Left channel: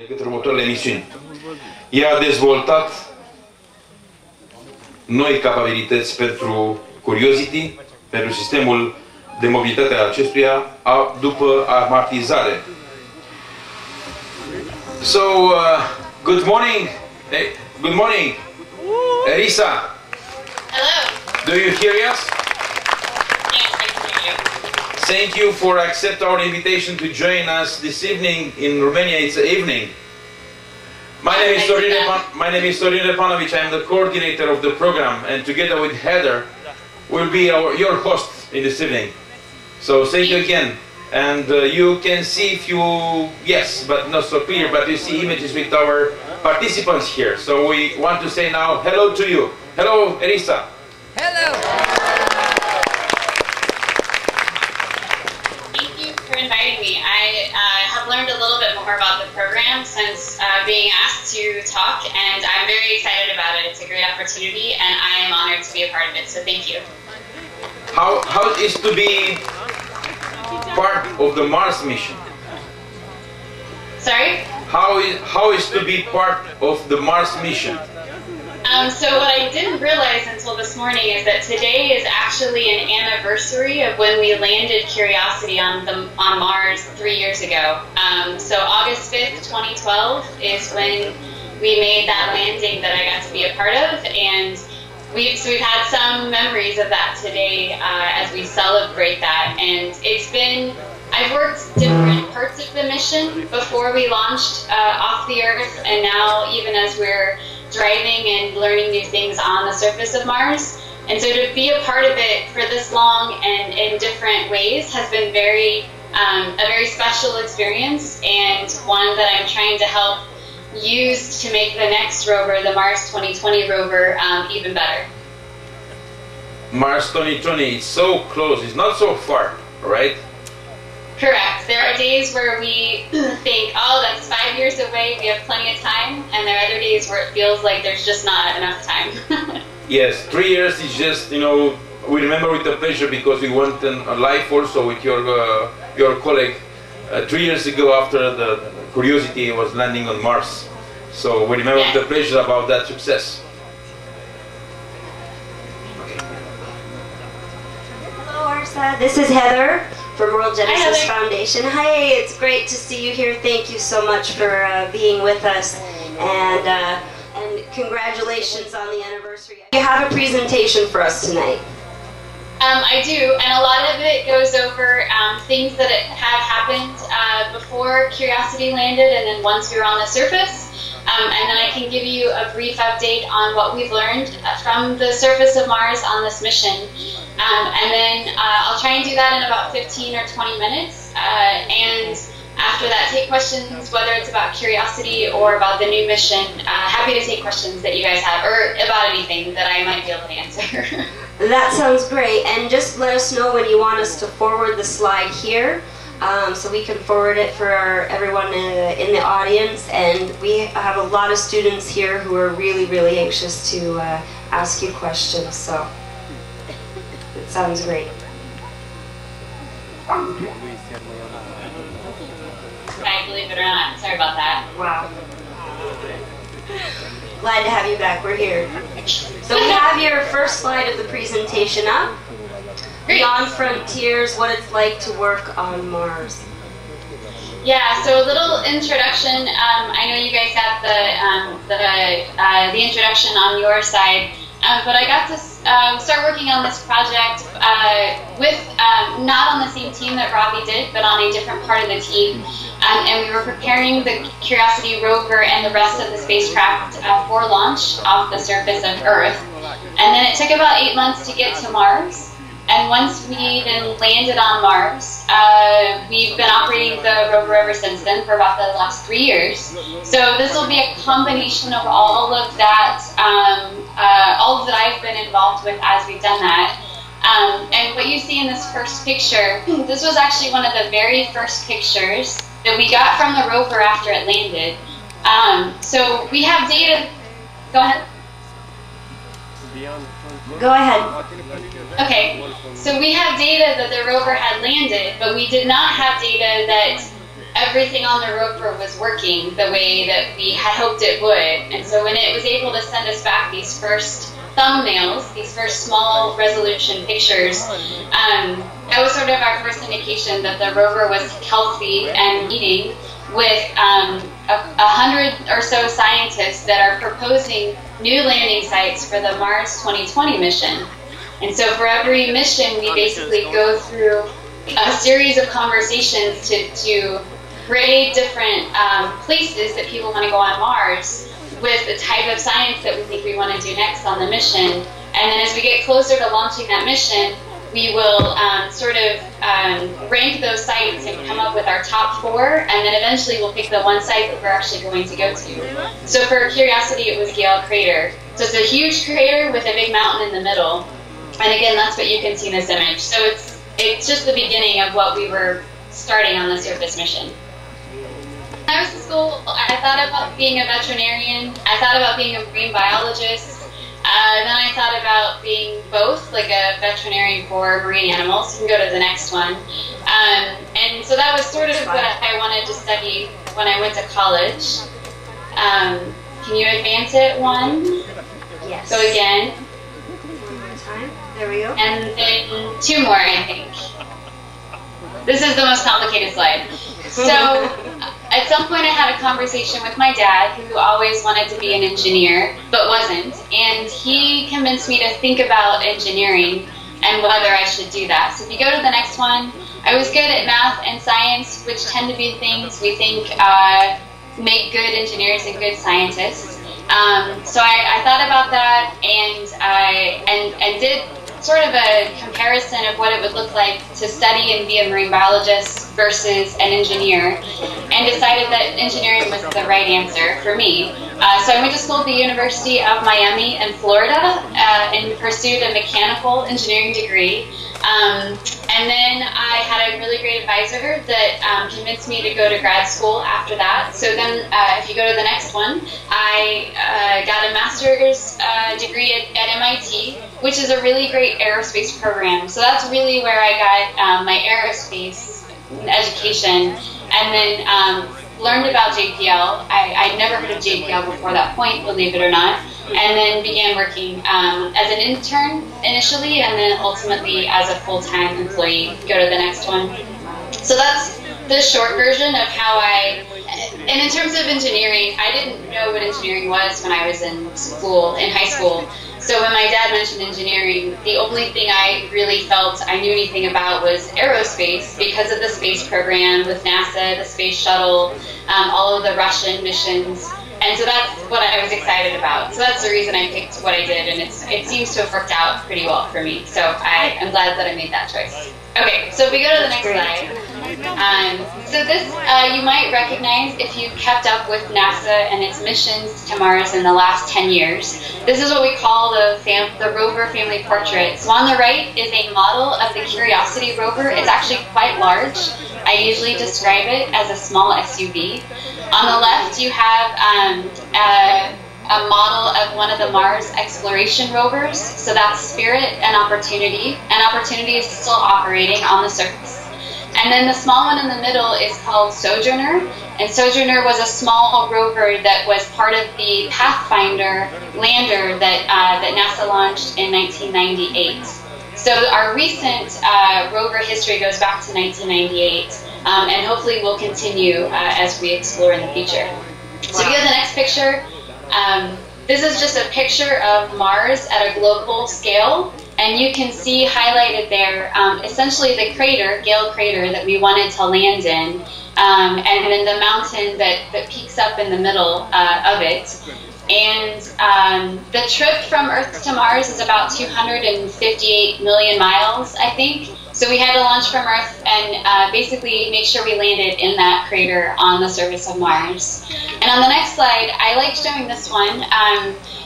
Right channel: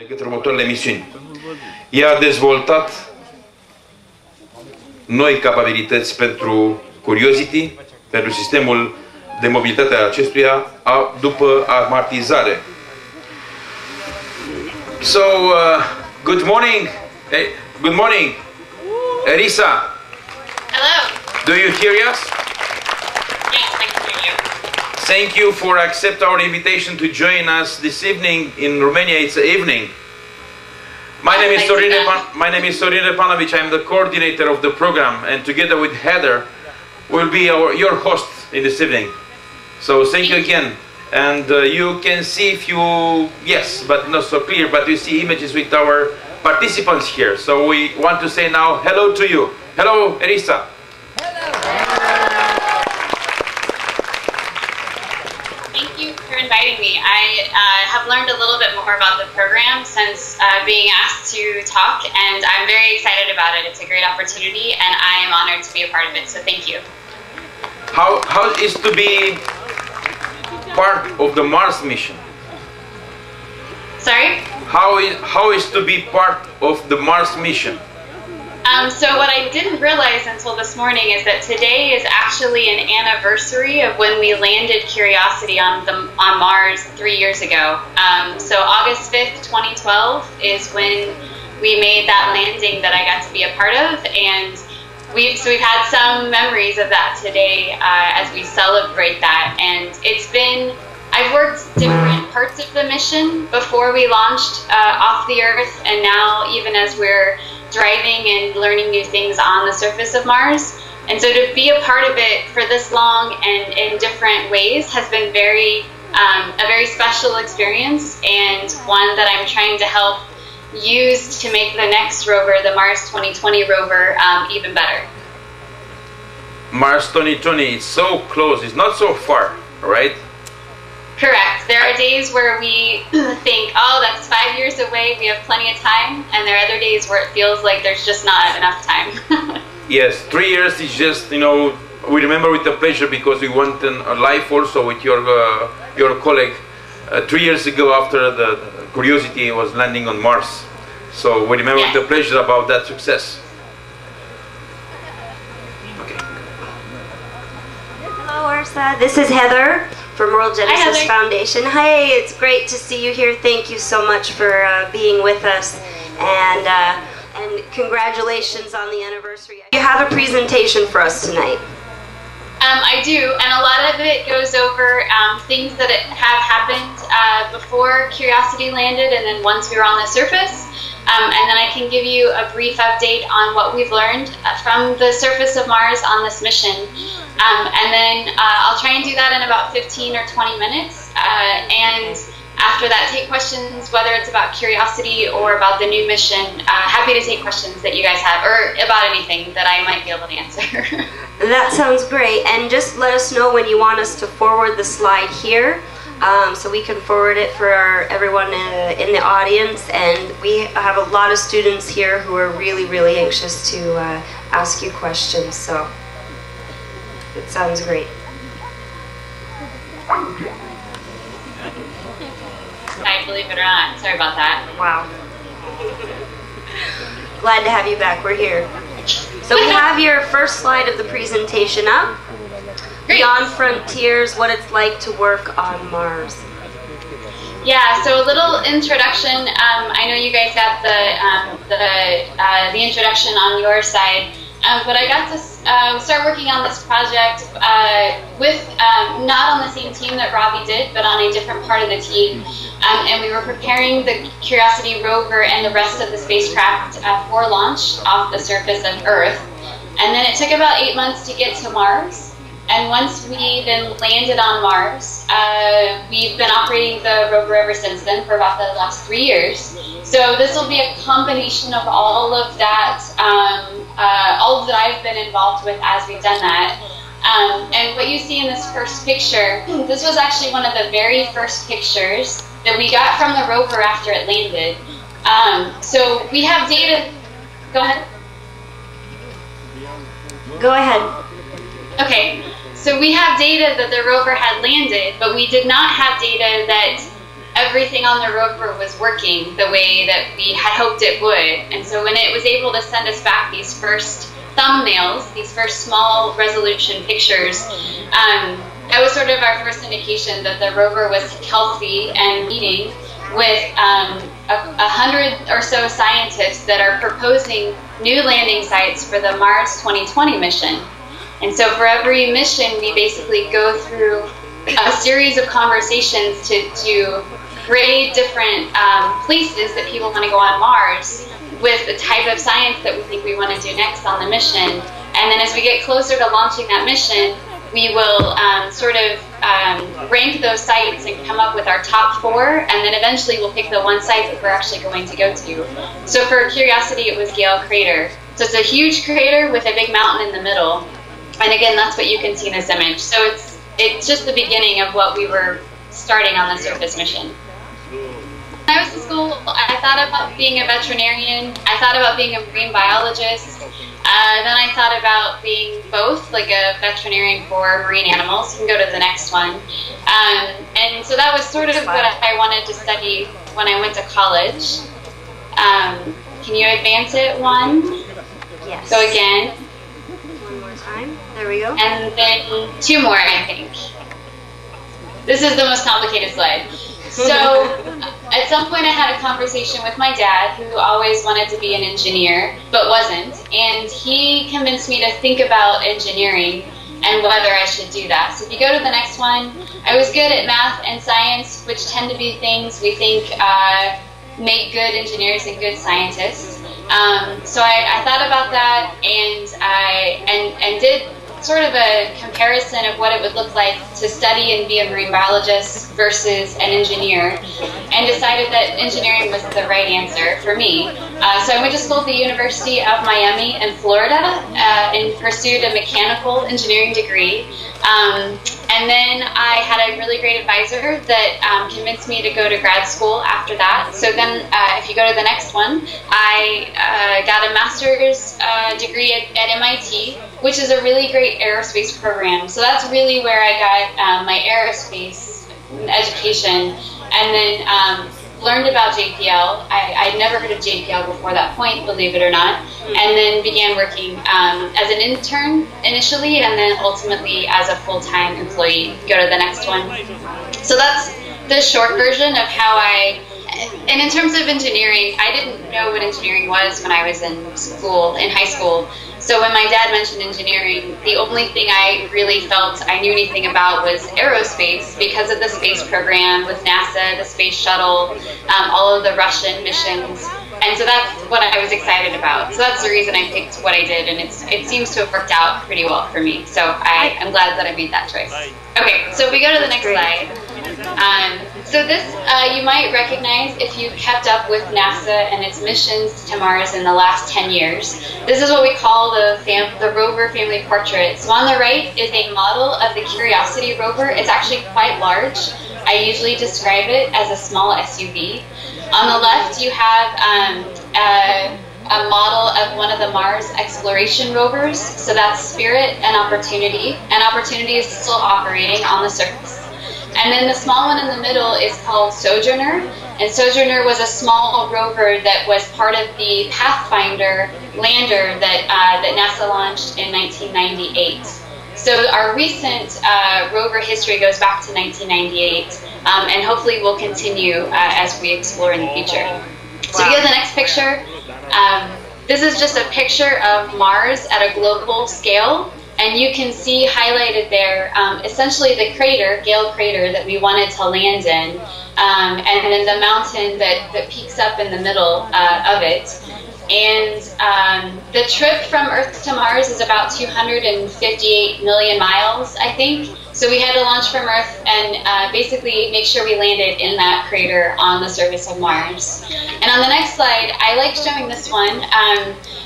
de către următoarele misiuni. Ea a dezvoltat noi capabilități pentru Curiosity, pentru sistemul de mobilitate a acestuia după amartizare. So, good morning. Hey, good morning. Erisa. Hello. Do you hear us? Yes, I can hear you. Thank you for accepting our invitation to join us this evening. In Romania, it's evening. My name is Sorin Repanovic. I am the coordinator of the program, and together with Heather, will be your host in this evening. So thank you again. And you can see yes, but not so clear, but you see images with our participants here. So we want to say now hello to you. Hello, Erisa. Hello. Thank you for inviting me. I have learned a little bit more about the program since being asked to talk, and I'm very excited about it. It's a great opportunity, and I am honored to be a part of it, so thank you. How is to be part of the Mars mission? Sorry? How is to be part of the Mars mission? So what I didn't realize until this morning is that today is actually an anniversary of when we landed Curiosity on Mars 3 years ago. So August 5th, 2012 is when we made that landing that I got to be a part of, and we've had some memories of that today as we celebrate that. And I've worked different parts of the mission before we launched off the Earth, and now even as we're driving and learning new things on the surface of Mars. And so to be a part of it for this long and in different ways has been a very special experience, and one that I'm trying to help use to make the next rover, the Mars 2020 rover, even better. Mars 2020 is so close, it's not so far, right? Correct. There are days where we think, oh, that's 5 years away, we have plenty of time, and there are other days where it feels like there's just not enough time. Yes, 3 years is just, we remember with the pleasure because we went a live also with your colleague 3 years ago after the Curiosity was landing on Mars. So we remember with the pleasure about that success. Okay. Hello, Erisa. This is Heather from World Genesis Foundation. Hi, it's great to see you here. Thank you so much for being with us, and congratulations on the anniversary. You have a presentation for us tonight. I do, and a lot of it goes over things that have happened before Curiosity landed and then once we were on the surface. And then I can give you a brief update on what we've learned from the surface of Mars on this mission. And then I'll try and do that in about 15 or 20 minutes. And after that, take questions, whether it's about Curiosity or about the new mission. Happy to take questions that you guys have, or about anything that I might be able to answer. That sounds great. And just let us know when you want us to forward the slide here, so we can forward it for everyone in the audience. And we have a lot of students here who are really, really anxious to ask you questions. So it sounds great. I believe it or not. Sorry about that. Wow. Glad to have you back. We're here. So we have your first slide of the presentation up. Great. Beyond Frontiers, what it's like to work on Mars. Yeah, so a little introduction. I know you guys got the introduction on your side, but I got to start working on this project with not on the same team that Robbie did, but on a different part of the team. And we were preparing the Curiosity rover and the rest of the spacecraft for launch off the surface of Earth. And then it took about 8 months to get to Mars. And once we then landed on Mars, we've been operating the rover ever since then for about the last 3 years. So this will be a combination of all of that, all that I've been involved with as we've done that. And what you see in this first picture, this was actually one of the very first pictures that we got from the rover after it landed. So we have data. Go ahead. Go ahead. Okay. So we have data that the rover had landed, but we did not have data that everything on the rover was working the way that we had hoped it would. And so when it was able to send us back these first thumbnails, these first small resolution pictures, that was sort of our first indication that the rover was healthy and eating, with 100 or so scientists that are proposing new landing sites for the Mars 2020 mission. And so for every mission, we basically go through a series of conversations to grade different places that people want to go on Mars with the type of science that we think we want to do next on the mission. And then as we get closer to launching that mission, we will sort of rank those sites and come up with our top 4, and then eventually we'll pick the one site that we're actually going to go to. So for Curiosity, it was Gale Crater. So it's a huge crater with a big mountain in the middle. And again, that's what you can see in this image. So it's just the beginning of what we were starting on the surface mission. When I was in school, I thought about being a veterinarian. I thought about being a marine biologist. Then I thought about being both, like a veterinarian for marine animals. You can go to the next one. And so that was sort of what I wanted to study when I went to college. Can you advance it one? Yes. So again. One more time. There we go. And then 2 more, I think. This is the most complicated slide. So at some point I had a conversation with my dad, who always wanted to be an engineer, but wasn't. And he convinced me to think about engineering and whether I should do that. So if you go to the next one, I was good at math and science, which tend to be things we think make good engineers and good scientists. So I thought about that, and did sort of a comparison of what it would look like to study and be a marine biologist versus an engineer, and decided that engineering was the right answer for me. So I went to school at the University of Miami in Florida and pursued a mechanical engineering degree. And then I had a really great advisor that convinced me to go to grad school after that. So then if you go to the next one, I got a master's degree at MIT, which is a really great aerospace program. So that's really where I got my aerospace education, and then learned about JPL. I'd never heard of JPL before that point, believe it or not, and then began working as an intern initially, and then ultimately as a full-time employee. Go to the next one. So that's the short version of how and in terms of engineering, I didn't know what engineering was when I was in high school. So when my dad mentioned engineering, the only thing I really felt I knew anything about was aerospace, because of the space program with NASA, the space shuttle, all of the Russian missions. And so that's what I was excited about. So that's the reason I picked what I did, and it seems to have worked out pretty well for me. So I'm glad that I made that choice. Okay, so if we go to the next slide. So this you might recognize if you kept up with NASA and its missions to Mars in the last 10 years. This is what we call the rover family portrait. So on the right is a model of the Curiosity rover. It's actually quite large. I usually describe it as a small SUV. On the left, you have a model of one of the Mars exploration rovers. So that's Spirit and Opportunity. And Opportunity is still operating on the surface. And then the small one in the middle is called Sojourner. And Sojourner was a small rover that was part of the Pathfinder lander that NASA launched in 1998. So our recent rover history goes back to 1998, and hopefully will continue as we explore in the future. So if you go to the next picture, this is just a picture of Mars at a global scale. And you can see highlighted there essentially the crater, Gale Crater, that we wanted to land in, and then the mountain that peaks up in the middle of it. And the trip from Earth to Mars is about 258 million miles, I think. So we had to launch from Earth and basically make sure we landed in that crater on the surface of Mars. And on the next slide, I like showing this one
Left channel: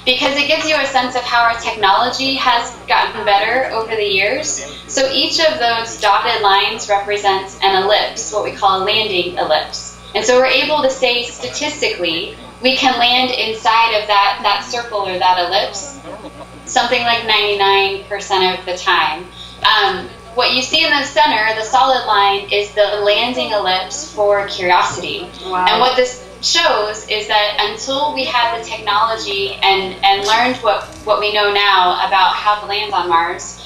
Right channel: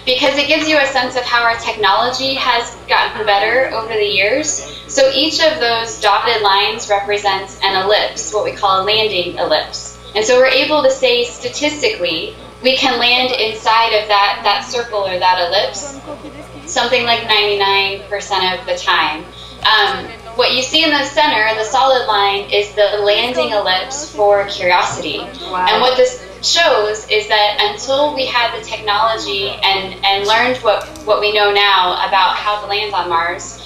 because it gives you a sense of how our technology has gotten better over the years. So each of those dotted lines represents an ellipse, what we call a landing ellipse. And so we're able to say statistically, we can land inside of that circle or that ellipse something like 99% of the time. what you see in the center, the solid line, is the landing ellipse for Curiosity. Wow. And what this shows is that until we had the technology and learned what we know now about how to land on Mars,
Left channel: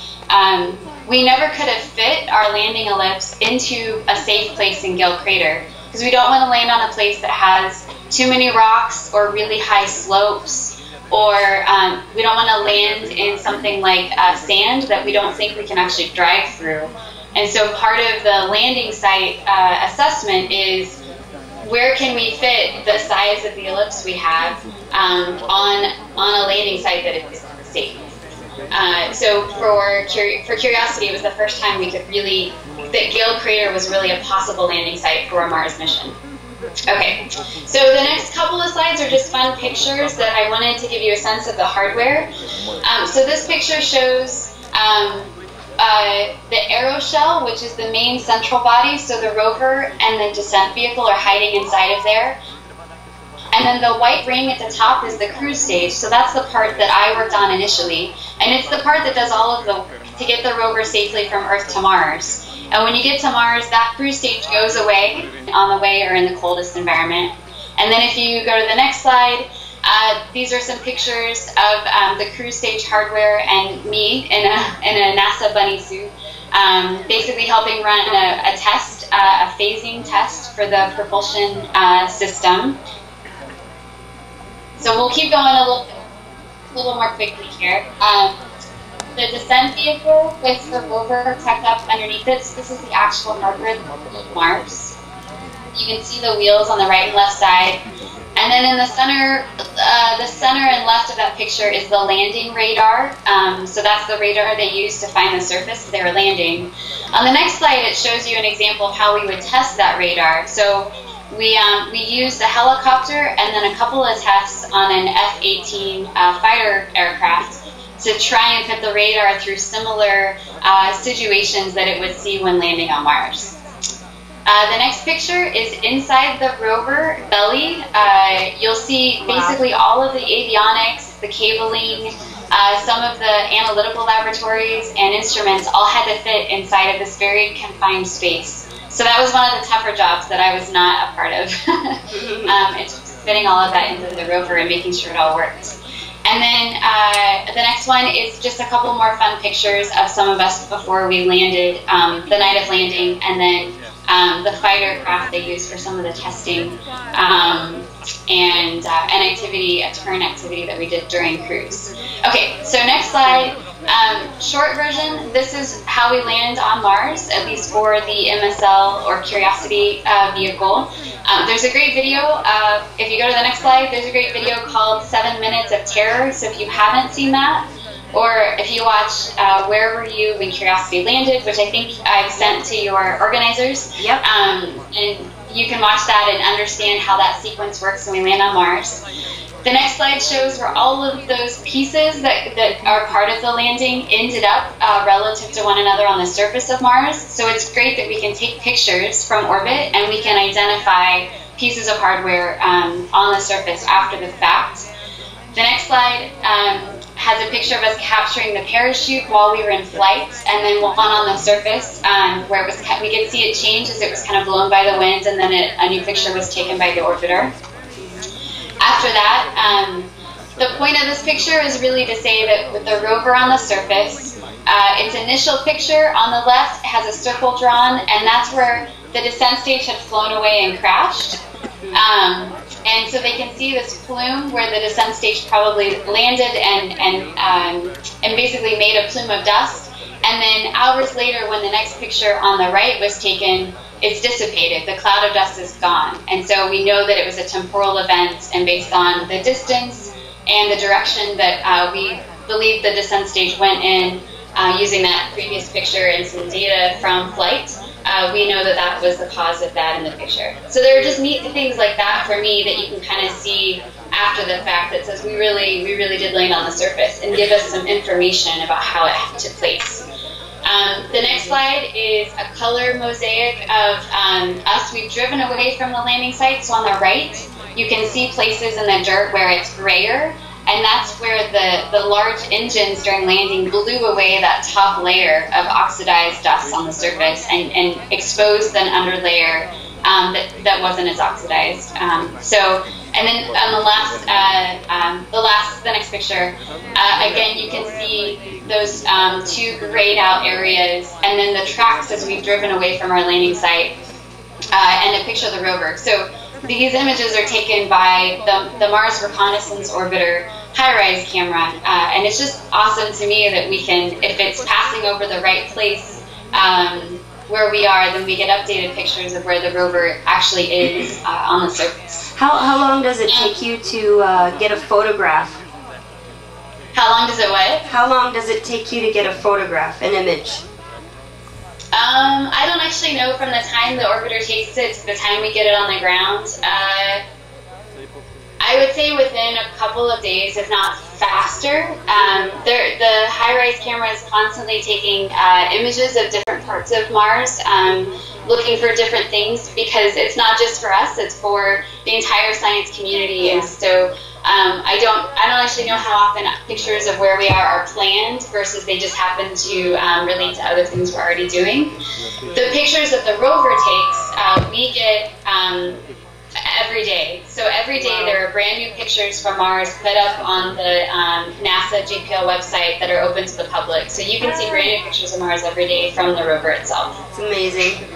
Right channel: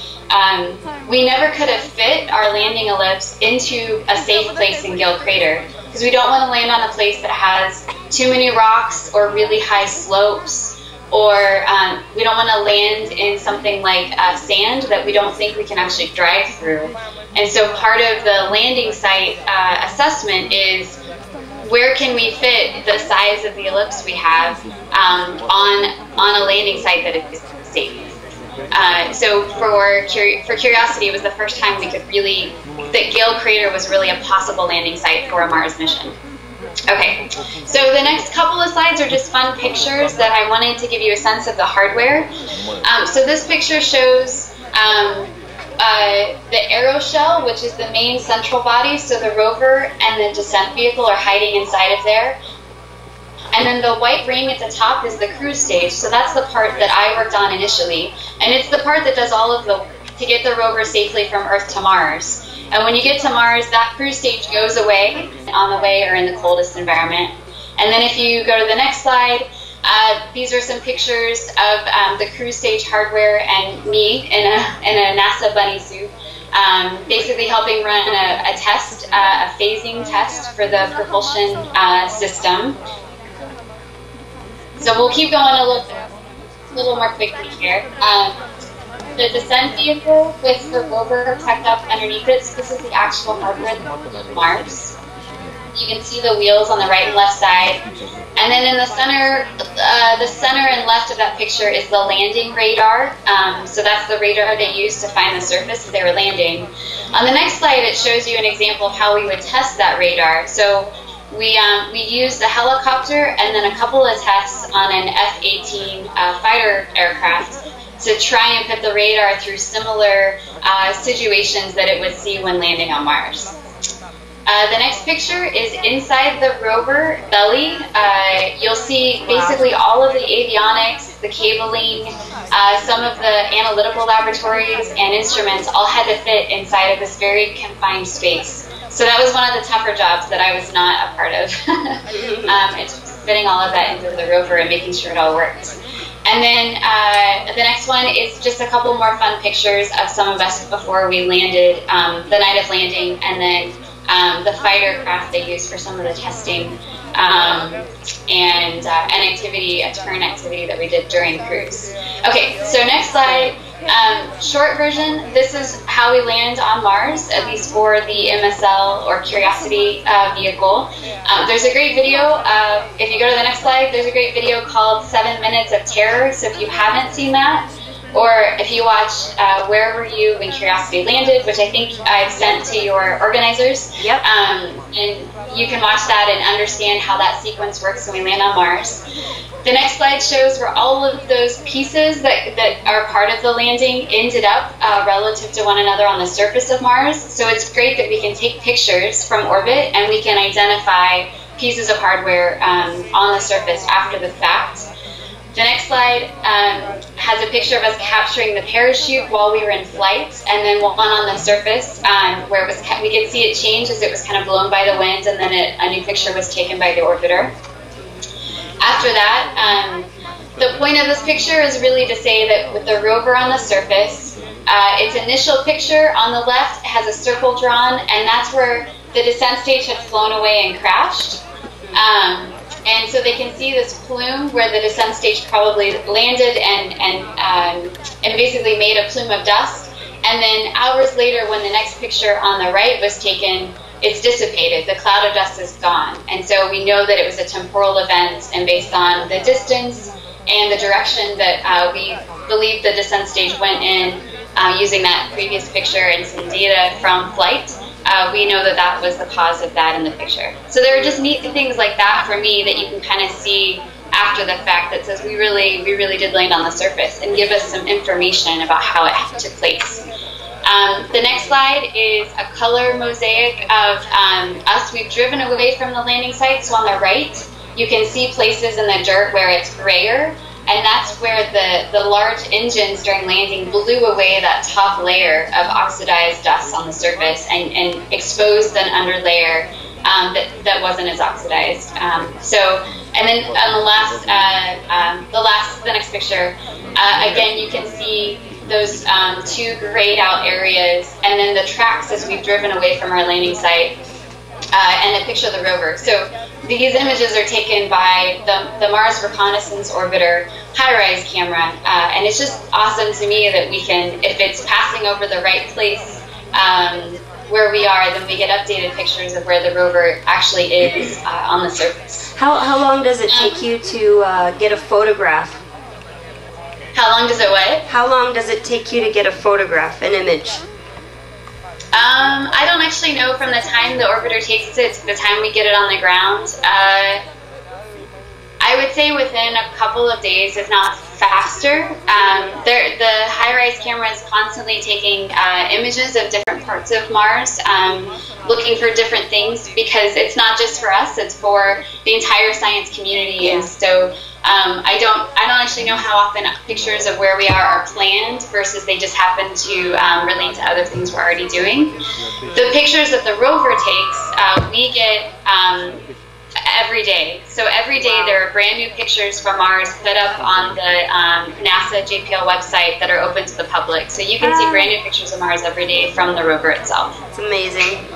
we never could have fit our landing ellipse into a safe place in Gill Crater, because we don't want to land on a place that has too many rocks or really high slopes, or we don't want to land in something like sand that we don't think we can actually drive through. And so part of the landing site assessment is, where can we fit the size of the ellipse we have on a landing site that is safe? So for Curiosity, it was the first time we could really, that Gill Crater was really a possible landing site for a Mars mission. Okay, so the next couple of slides are just fun pictures that I wanted to give you a sense of the hardware. So this picture shows the aeroshell, which is the main central body, so the rover and the descent vehicle are hiding inside of there. And then the white ring at the top is the cruise stage, so that's the part that I worked on initially. And it's the part that does all of the work to get the rover safely from Earth to Mars. And when you get to Mars, that cruise stage goes away on the way or in the coldest environment. And then if you go to the next slide, these are some pictures of the cruise stage hardware and me in a NASA bunny suit, basically helping run a test, a phasing test for the propulsion system. So we'll keep going a little more quickly here. The descent vehicle with the rover tucked up underneath it, so this is the actual hardware of Mars. You can see the wheels on the right and left side. And then in the center and left of that picture is the landing radar. So that's the radar they used to find the surface as they were landing. On the next slide, it shows you an example of how we would test that radar. So we used a helicopter and then a couple of tests on an F-18 fighter aircraft to try and put the radar through similar situations that it would see when landing on Mars. The next picture is inside the rover belly. You'll see basically all of the avionics, the cabling, some of the analytical laboratories and instruments all had to fit inside of this very confined space. So that was one of the tougher jobs that I was not a part of. It's just fitting all of that into the rover and making sure it all worked. And then the next one is just a couple more fun pictures of some of us before we landed, the night of landing, and then the fighter craft they used for some of the testing and a turn activity that we did during cruise. Okay, so next slide. Short version, this is how we land on Mars, at least for the MSL or Curiosity vehicle. There's a great video, if you go to the next slide, there's a great video called 7 Minutes of Terror, so if you haven't seen that, or if you watch Where Were You When Curiosity Landed, which I think I've sent to your organizers, Yep. And you can watch that and understand how that sequence works when we land on Mars. The next slide shows where all of those pieces that are part of the landing ended up relative to one another on the surface of Mars. So it's great that we can take pictures from orbit and we can identify pieces of hardware on the surface after the fact. The next slide has a picture of us capturing the parachute while we were in flight, and then one on the surface where it was we could see it change as it was kind of blown by the wind, and then a new picture was taken by the orbiter. After that, the point of this picture is really to say that with the rover on the surface, its initial picture on the left has a circle drawn, and that's where the descent stage had flown away and crashed. And so they can see this plume where the descent stage probably landed and basically made a plume of dust. And then hours later, when the next picture on the right was taken, it's dissipated. The cloud of dust is gone. And so we know that it was a temporal event, and based on the distance and the direction that we believe the descent stage went in, using that previous picture and some data from flight, we know that that was the cause of that in the picture. So there are just neat things like that for me that you can kind of see after the fact that says we really did land on the surface and give us some information about how it took place. The next slide is a color mosaic of us. We've driven away from the landing site, so on the right you can see places in the dirt where it's grayer, and that's where the large engines during landing blew away that top layer of oxidized dust on the surface and exposed an underlayer that wasn't as oxidized. And then on the next picture, again, you can see those two grayed out areas, and then the tracks as we've driven away from our landing site, and a picture of the rover. So these images are taken by the Mars Reconnaissance Orbiter high-rise camera, and it's just awesome to me that we can, if it's passing over the right place where we are, then we get updated pictures of where the rover actually is on the surface. How long does it take you to get a photograph? How long does it what? How long does it take you to get a photograph, an image? I don't actually know from the time the orbiter takes it to the time we get it on the ground. I would say within a couple of days, if not faster. The high-rise camera is constantly taking images of different parts of Mars, looking for different things, because it's not just for us, it's for the entire science community. And so I don't actually know how often pictures of where we are planned versus they just happen to relate to other things we're already doing. The pictures that the rover takes, we get every day. So every day there are brand new pictures from Mars put up on the NASA JPL website that are open to the public. So you can see brand new pictures of Mars every day from the rover itself. It's amazing.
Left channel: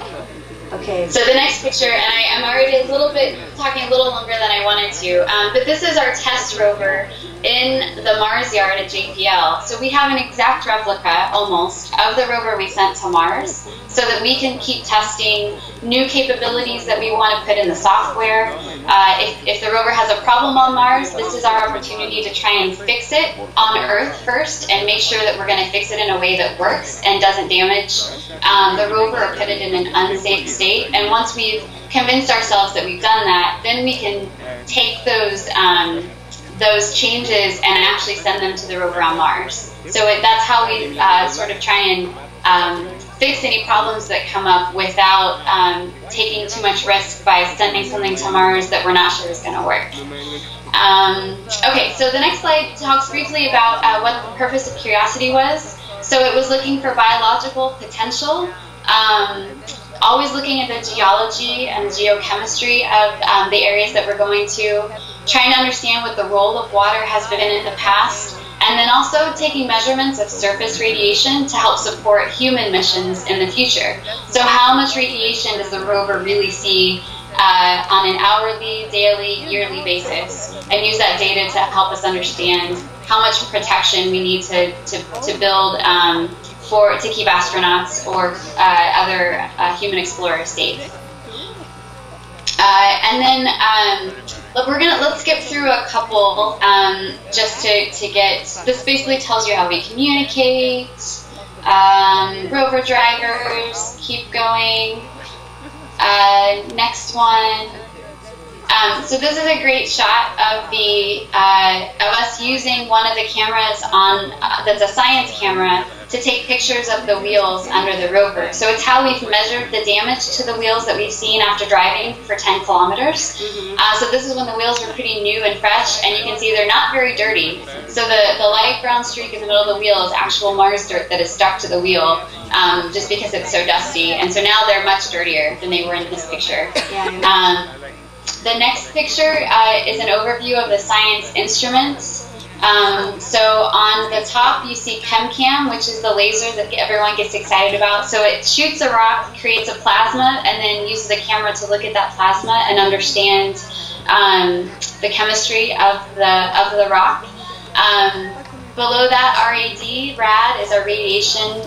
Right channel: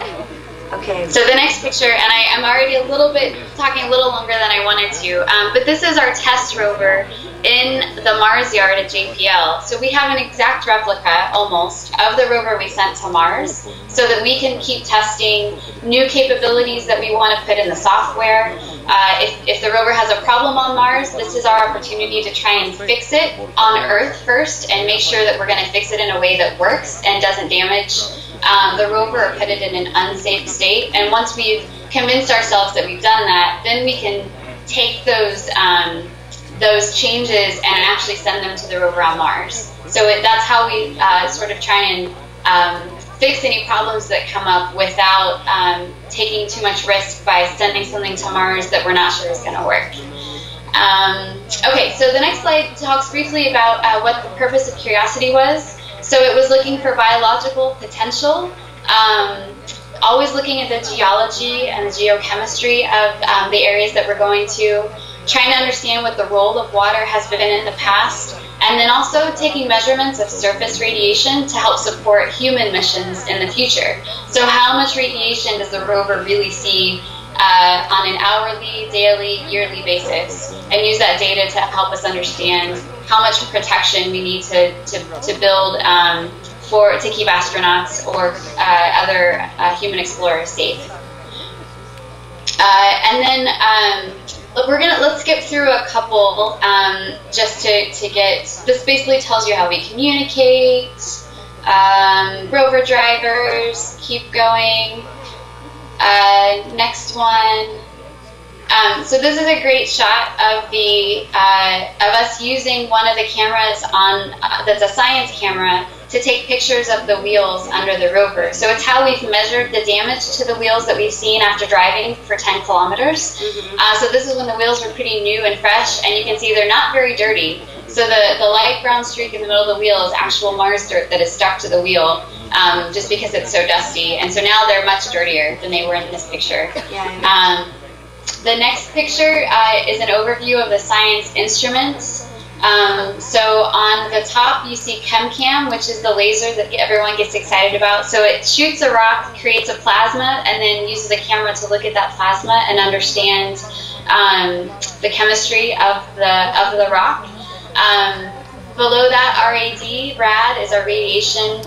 Okay. So the next picture, and I'm already talking a little longer than I wanted to, but this is our test rover in the Mars yard at JPL. So we have an exact replica, almost, of the rover we sent to Mars, so that we can keep testing new capabilities that we want to put in the software. If the rover has a problem on Mars, this is our opportunity to try and fix it on Earth first and make sure that we're going to fix it in a way that works and doesn't damage the rover or put it in an unsafe state. And once we've convinced ourselves that we've done that, then we can take those changes and actually send them to the rover on Mars. So that's how we sort of try and fix any problems that come up without taking too much risk by sending something to Mars that we're not sure is going to work. Okay, so the next slide talks briefly about what the purpose of Curiosity was. So it was looking for biological potential, always looking at the geology and the geochemistry of the areas that we're going to, trying to understand what the role of water has been in the past, and then also taking measurements of surface radiation to help support human missions in the future. So how much radiation does the rover really see on an hourly, daily, yearly basis, and use that data to help us understand how much protection we need to build to keep astronauts or other human explorers safe. And then let's skip through a couple just to get, this basically tells you how we communicate, rover drivers, keep going, next one. So this is a great shot of of us using one of the cameras that's a science camera to take pictures of the wheels under the rover. So it's how we've measured the damage to the wheels that we've seen after driving for 10 kilometers. So this is when the wheels were pretty new and fresh, and you can see they're not very dirty. So the light brown streak in the middle of the wheel is actual Mars dirt that is stuck to the wheel, just because it's so dusty. And so now they're much dirtier than they were in this picture. The next picture is an overview of the science instruments. So on the top you see ChemCam, which is the laser that everyone gets excited about. So it shoots a rock, creates a plasma, and then uses a camera to look at that plasma and understand the chemistry of the rock. Below that, RAD is a radiation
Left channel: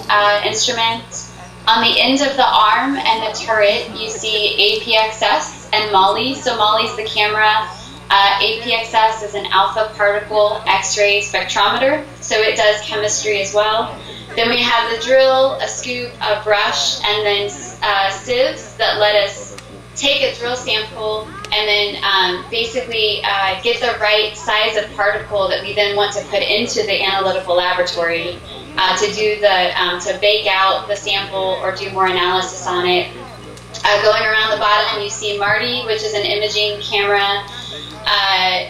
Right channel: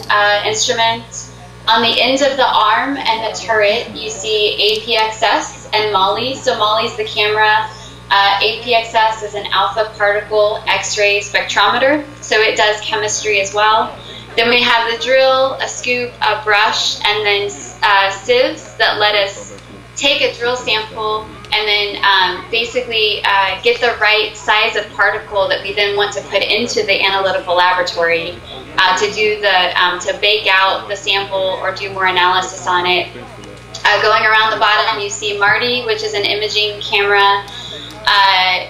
instrument. On the end of the arm and the turret, you see APXS and MOLLE. So MOLLE is the camera. APXS is an alpha particle X-ray spectrometer, so it does chemistry as well. Then we have the drill, a scoop, a brush, and then sieves that let us take a drill sample and then basically get the right size of particle that we then want to put into the analytical laboratory to do to bake out the sample or do more analysis on it. Going around the bottom, you see MARTI, which is an imaging camera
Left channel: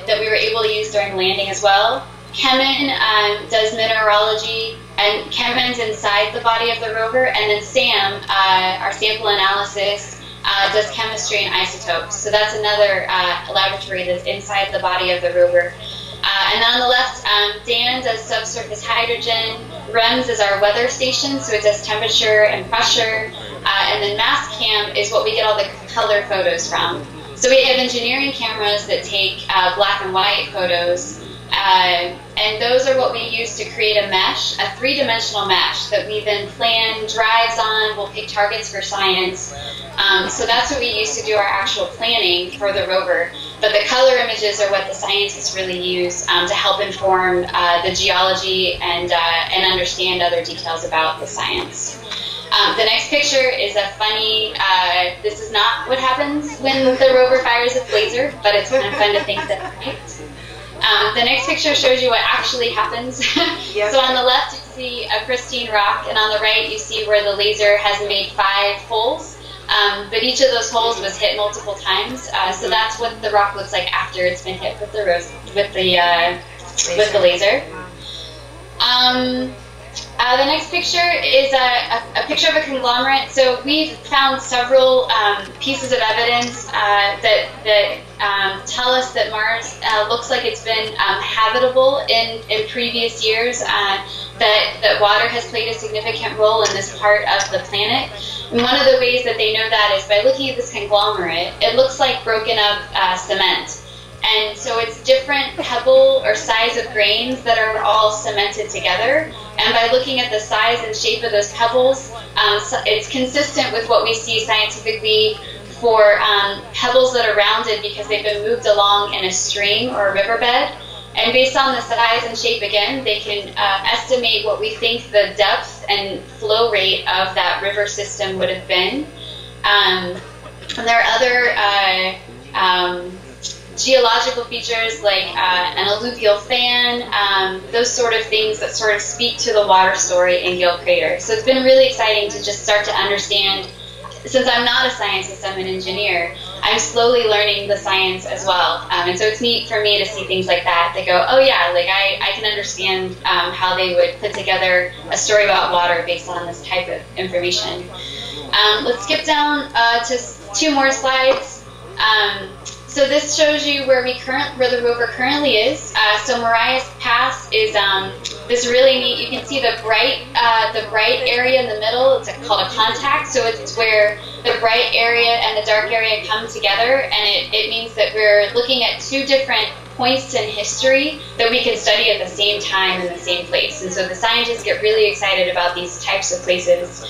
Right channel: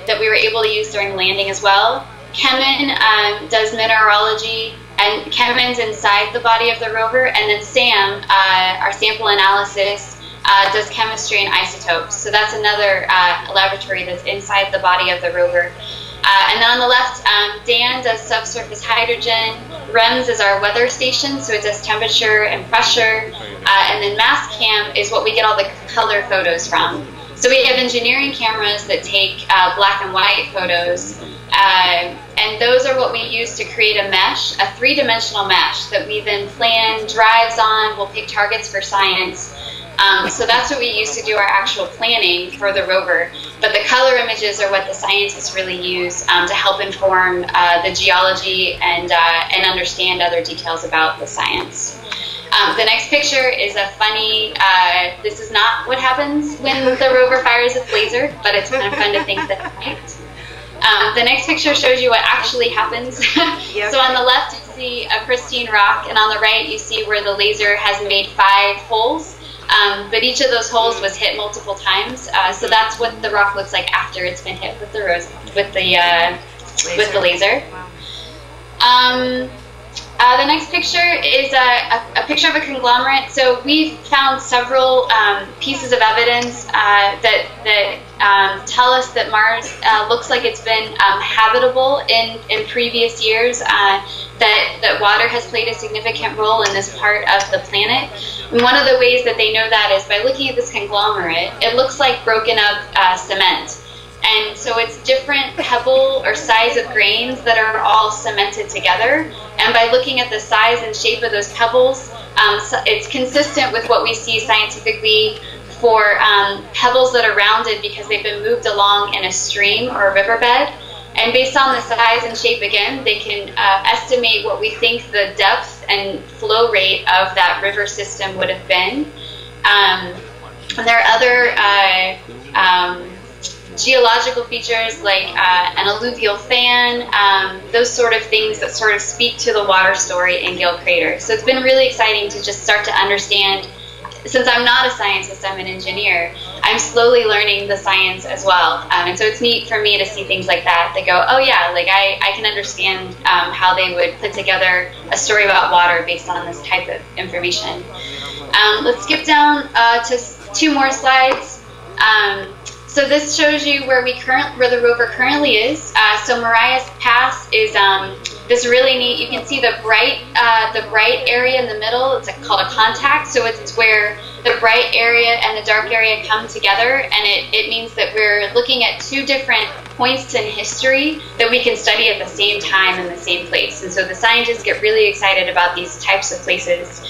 that we were able to use during landing as well. Kevin does mineralogy, and Kevin's inside the body of the rover, and then Sam, our sample analysis, does chemistry and isotopes. So that's another laboratory that's inside the body of the rover. And then on the left, Dan does subsurface hydrogen. REMS is our weather station, so it does temperature and pressure. And then MassCam is what we get all the color photos from. So we have engineering cameras that take black and white photos. And those are what we use to create a mesh, a three-dimensional mesh that we then plan drives on. We'll pick targets for science. So that's what we use to do our actual planning for the rover. But the color images are what the scientists really use to help inform the geology and understand other details about the science. The next picture is a funny, this is not what happens when the rover fires its laser, but it's kind of fun to think that it might. The next picture shows you what actually happens. Yep. So on the left you see a pristine rock, and on the right you see where the laser has made 5 holes. But each of those holes was hit multiple times, so that's what the rock looks like after it's been hit with the laser. The next picture is a picture of a conglomerate. So we've found several pieces of evidence that tell us that Mars looks like it's been habitable in previous years. That water has played a significant role in this part of the planet. And one of the ways that they know that is by looking at this conglomerate. It looks like broken up cement. And so it's different pebble or size of grains that are all cemented together. And by looking at the size and shape of those pebbles, it's consistent with what we see scientifically for pebbles that are rounded because they've been moved along in a stream or a riverbed. And based on the size and shape, again, they can estimate what we think the depth and flow rate of that river system would have been. And there are other geological features like an alluvial fan, those sort of things that sort of speak to the water story in Gill Crater. So it's been really exciting to just start to understand. Since I'm not a scientist, I'm an engineer, I'm slowly learning the science as well. And so it's neat for me to see things like that. They go, oh yeah, like I can understand how they would put together a story about water based on this type of information. Let's skip down to 2 more slides. So this shows you where the rover currently is. So Marias Pass is this really neat. You can see the bright area in the middle. It's called a contact. So it's where the bright area and the dark area come together, and it means that we're looking at 2 different points in history that we can study at the same time in the same place. And so the scientists get really excited about these types of places.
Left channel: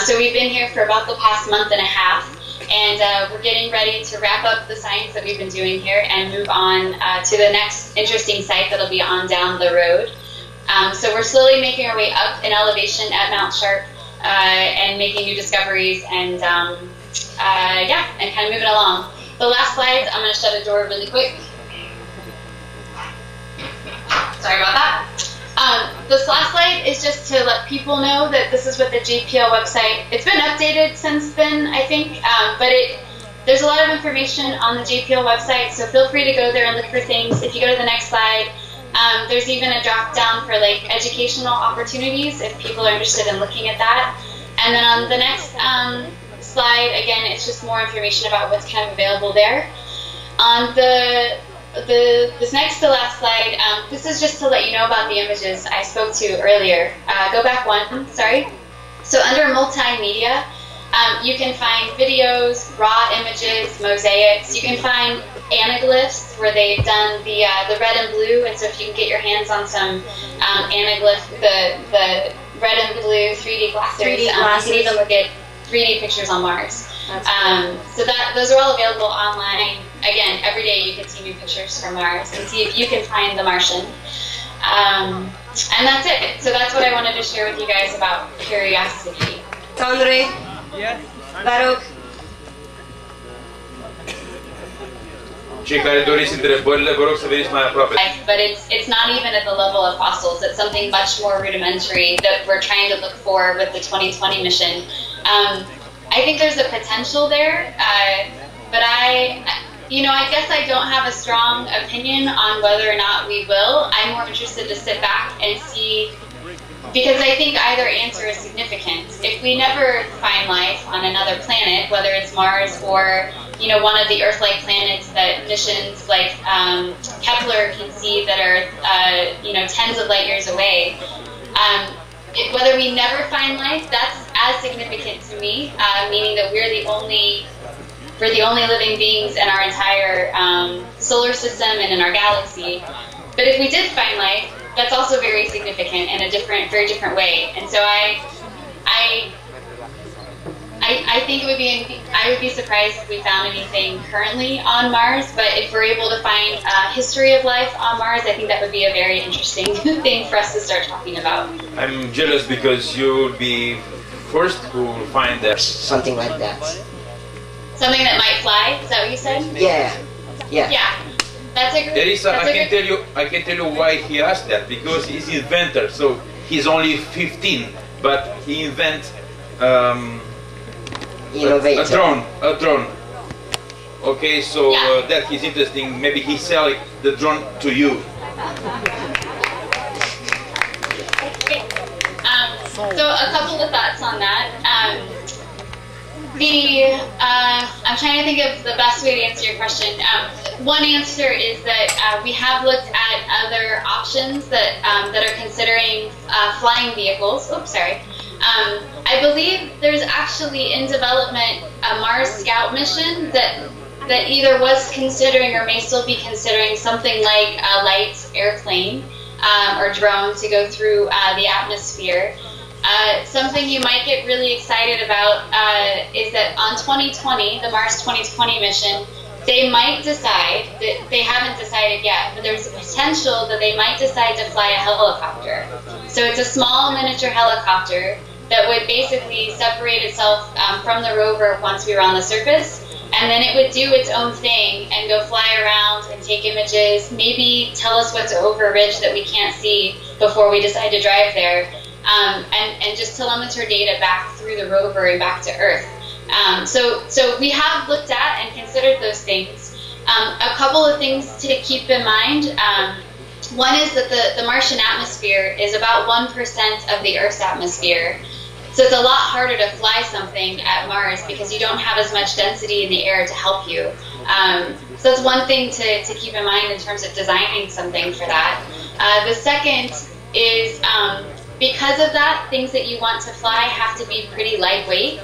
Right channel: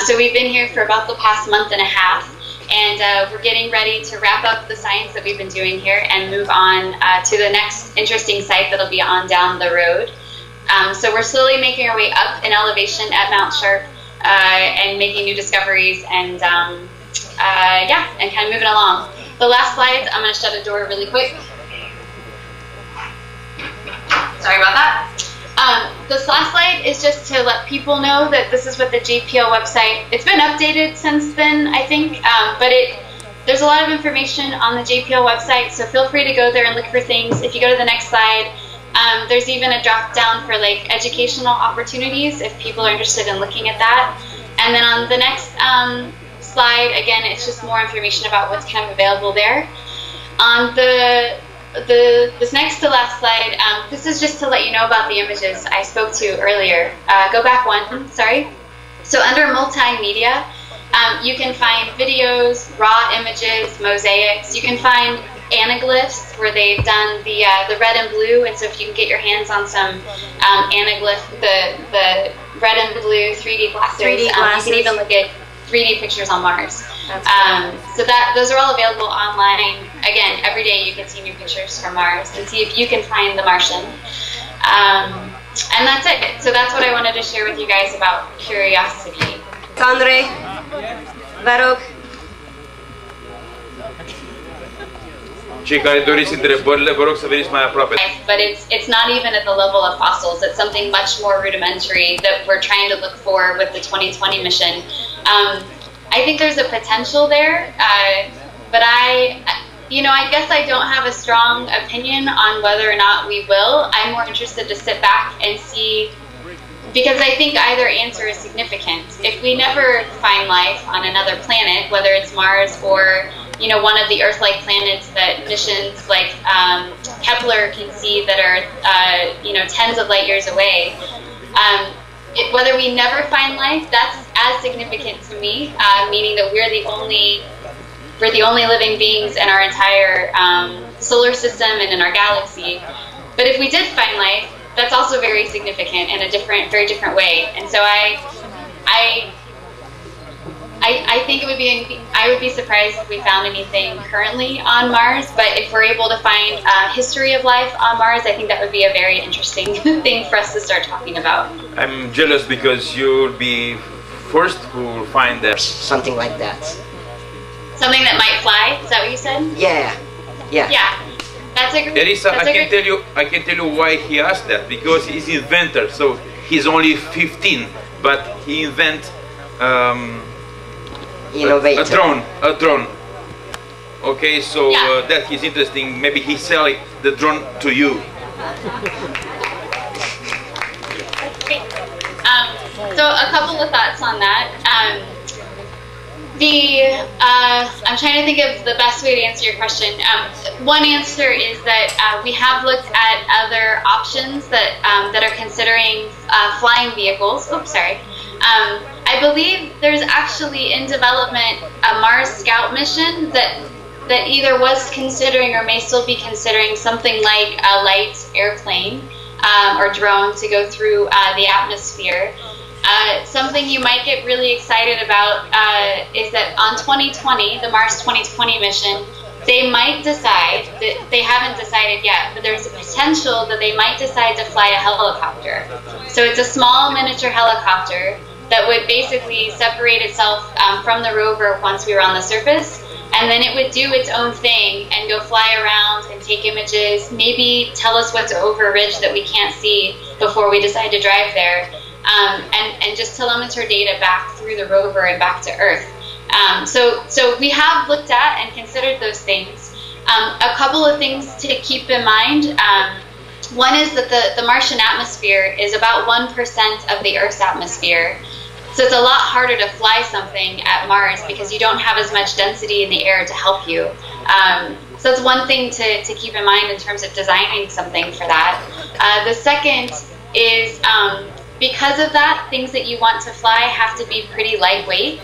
So we've been here for about the past month and a half. And we're getting ready to wrap up the science that we've been doing here and move on to the next interesting site that'll be on down the road. So we're slowly making our way up in elevation at Mount Sharp and making new discoveries and and kind of moving along. The last slide, I'm going to shut a door really quick. Sorry about that. This last slide is just to let people know that this is what the JPL website, it's been updated since then, I think, but there's a lot of information on the JPL website, so feel free to go there and look for things. If you go to the next slide, there's even a drop down for like educational opportunities if people are interested in looking at that. And then on the next slide, again, it's just more information about what's kind of available there. On this next to last slide, this is just to let you know about the images I spoke to earlier. Go back 1, sorry. So under multimedia, you can find videos, raw images, mosaics. You can find anaglyphs where they've done the red and blue, and so if you can get your hands on some anaglyph, the red and blue 3D glasses, you can even look at 3D pictures on Mars. So those are all available online. Again, every day you can see new pictures from Mars and see if you can find the Martian. And that's it. So that's what I wanted to share with you guys about curiosity. Andre, Baruch. Cei care doriți întrebările, vă rog să veniți mai aproape. But it's not even at the level of fossils. It's something much more rudimentary that we're trying to look for with the 2020 mission. I think there's a potential there, but you know, I guess I don't have a strong opinion on whether or not we will. I'm more interested to sit back and see, because I think either answer is significant. If we never find life on another planet, whether it's Mars or, you know, one of the Earth-like planets that missions like Kepler can see that are, you know, tens of light years away, whether we never find life, that's as significant to me, meaning that we're the only living beings in our entire solar system and in our galaxy. But if we did find life, that's also very significant in a very different way. And so I think I would be surprised if we found anything currently on Mars. But if we're able to find history of life on Mars, I think that would be a very interesting thing for us to start talking about. I'm jealous because you'll be first who will find that. Something like that. Something that might fly? Is that what you said? Yeah. Yeah. That's a great. Erisa, I can tell you why he asked that, because he's an inventor. So he's only 15, but he invent innovator. A drone. Okay, so that is interesting. Maybe he sell the drone to you. Okay. So a couple of thoughts on that. I'm trying to think of the best way to answer your question. One answer is that we have looked at other options that are considering flying vehicles. Oops, sorry. I believe there's actually in development a Mars Scout mission that either was considering or may still be considering something like a light airplane or drone to go through the atmosphere. Something you might get really excited about is that on 2020, the Mars 2020 mission, they might decide, that they haven't decided yet, but there's a potential that they might decide to fly a helicopter. So it's a small miniature helicopter that would basically separate itself from the rover once we were on the surface, and then it would do its own thing and go fly around and take images, maybe tell us what's over a ridge that we can't see before we decide to drive there. And just telemeter data back through the rover and back to Earth. So we have looked at and considered those things. A couple of things to keep in mind. One is that the Martian atmosphere is about 1% of the Earth's atmosphere. So it's a lot harder to fly something at Mars because you don't have as much density in the air to help you. So that's one thing to keep in mind in terms of designing something for that. The second is because of that, things that you want to fly have to be pretty lightweight,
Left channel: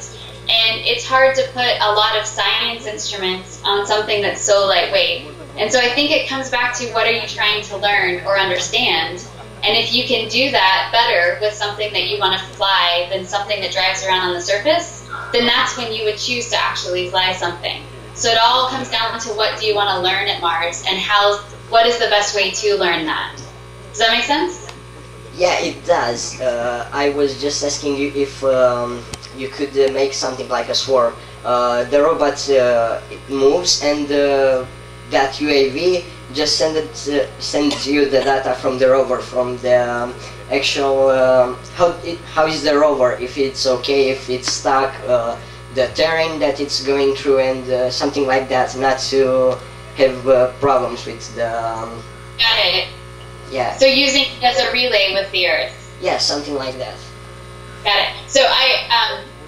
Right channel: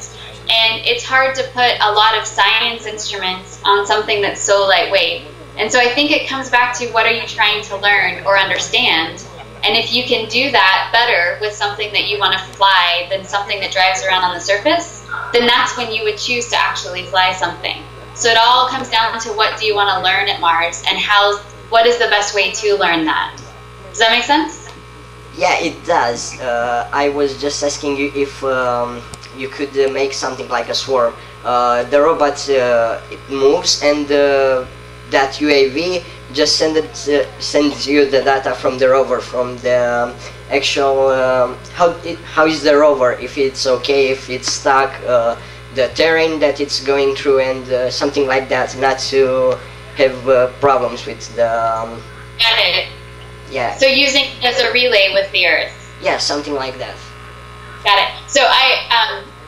and it's hard to put a lot of science instruments on something that's so lightweight. And so I think it comes back to what are you trying to learn or understand, and if you can do that better with something that you want to fly than something that drives around on the surface, then that's when you would choose to actually fly something. So it all comes down to what do you want to learn at Mars, and what is the best way to learn that. Does that make sense? Yeah, it does. I was just asking you if you could make something like a swarm. The robot it moves, and that UAV just sends you the data from the rover, from the actual how is the rover, if it's okay, if it's stuck, the terrain that it's going through, and something like that, not to have problems with the. Got it. Yeah. So using it as a relay with the Earth. Yeah, something like that. Got it. So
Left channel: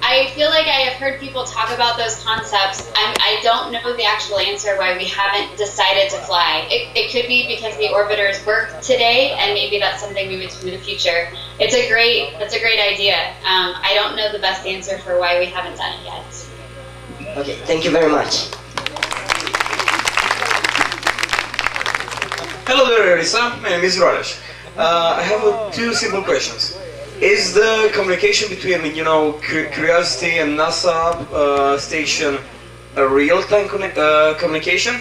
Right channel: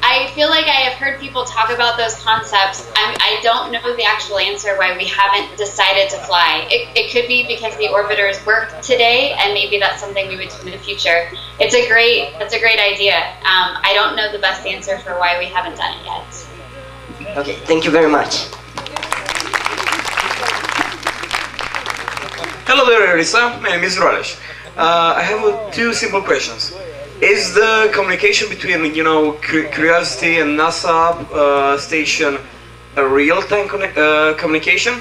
I feel like I have heard people talk about those concepts. I don't know the actual answer why we haven't decided to fly. It could be because the orbiters work today, and maybe that's something we would do in the future. That's a great idea. I don't know the best answer for why we haven't done it yet. Okay, thank you very much. Hello there, Erisa. My name is Rolesh. I have two simple questions. Is the communication between, Curiosity and NASA station a real-time communication?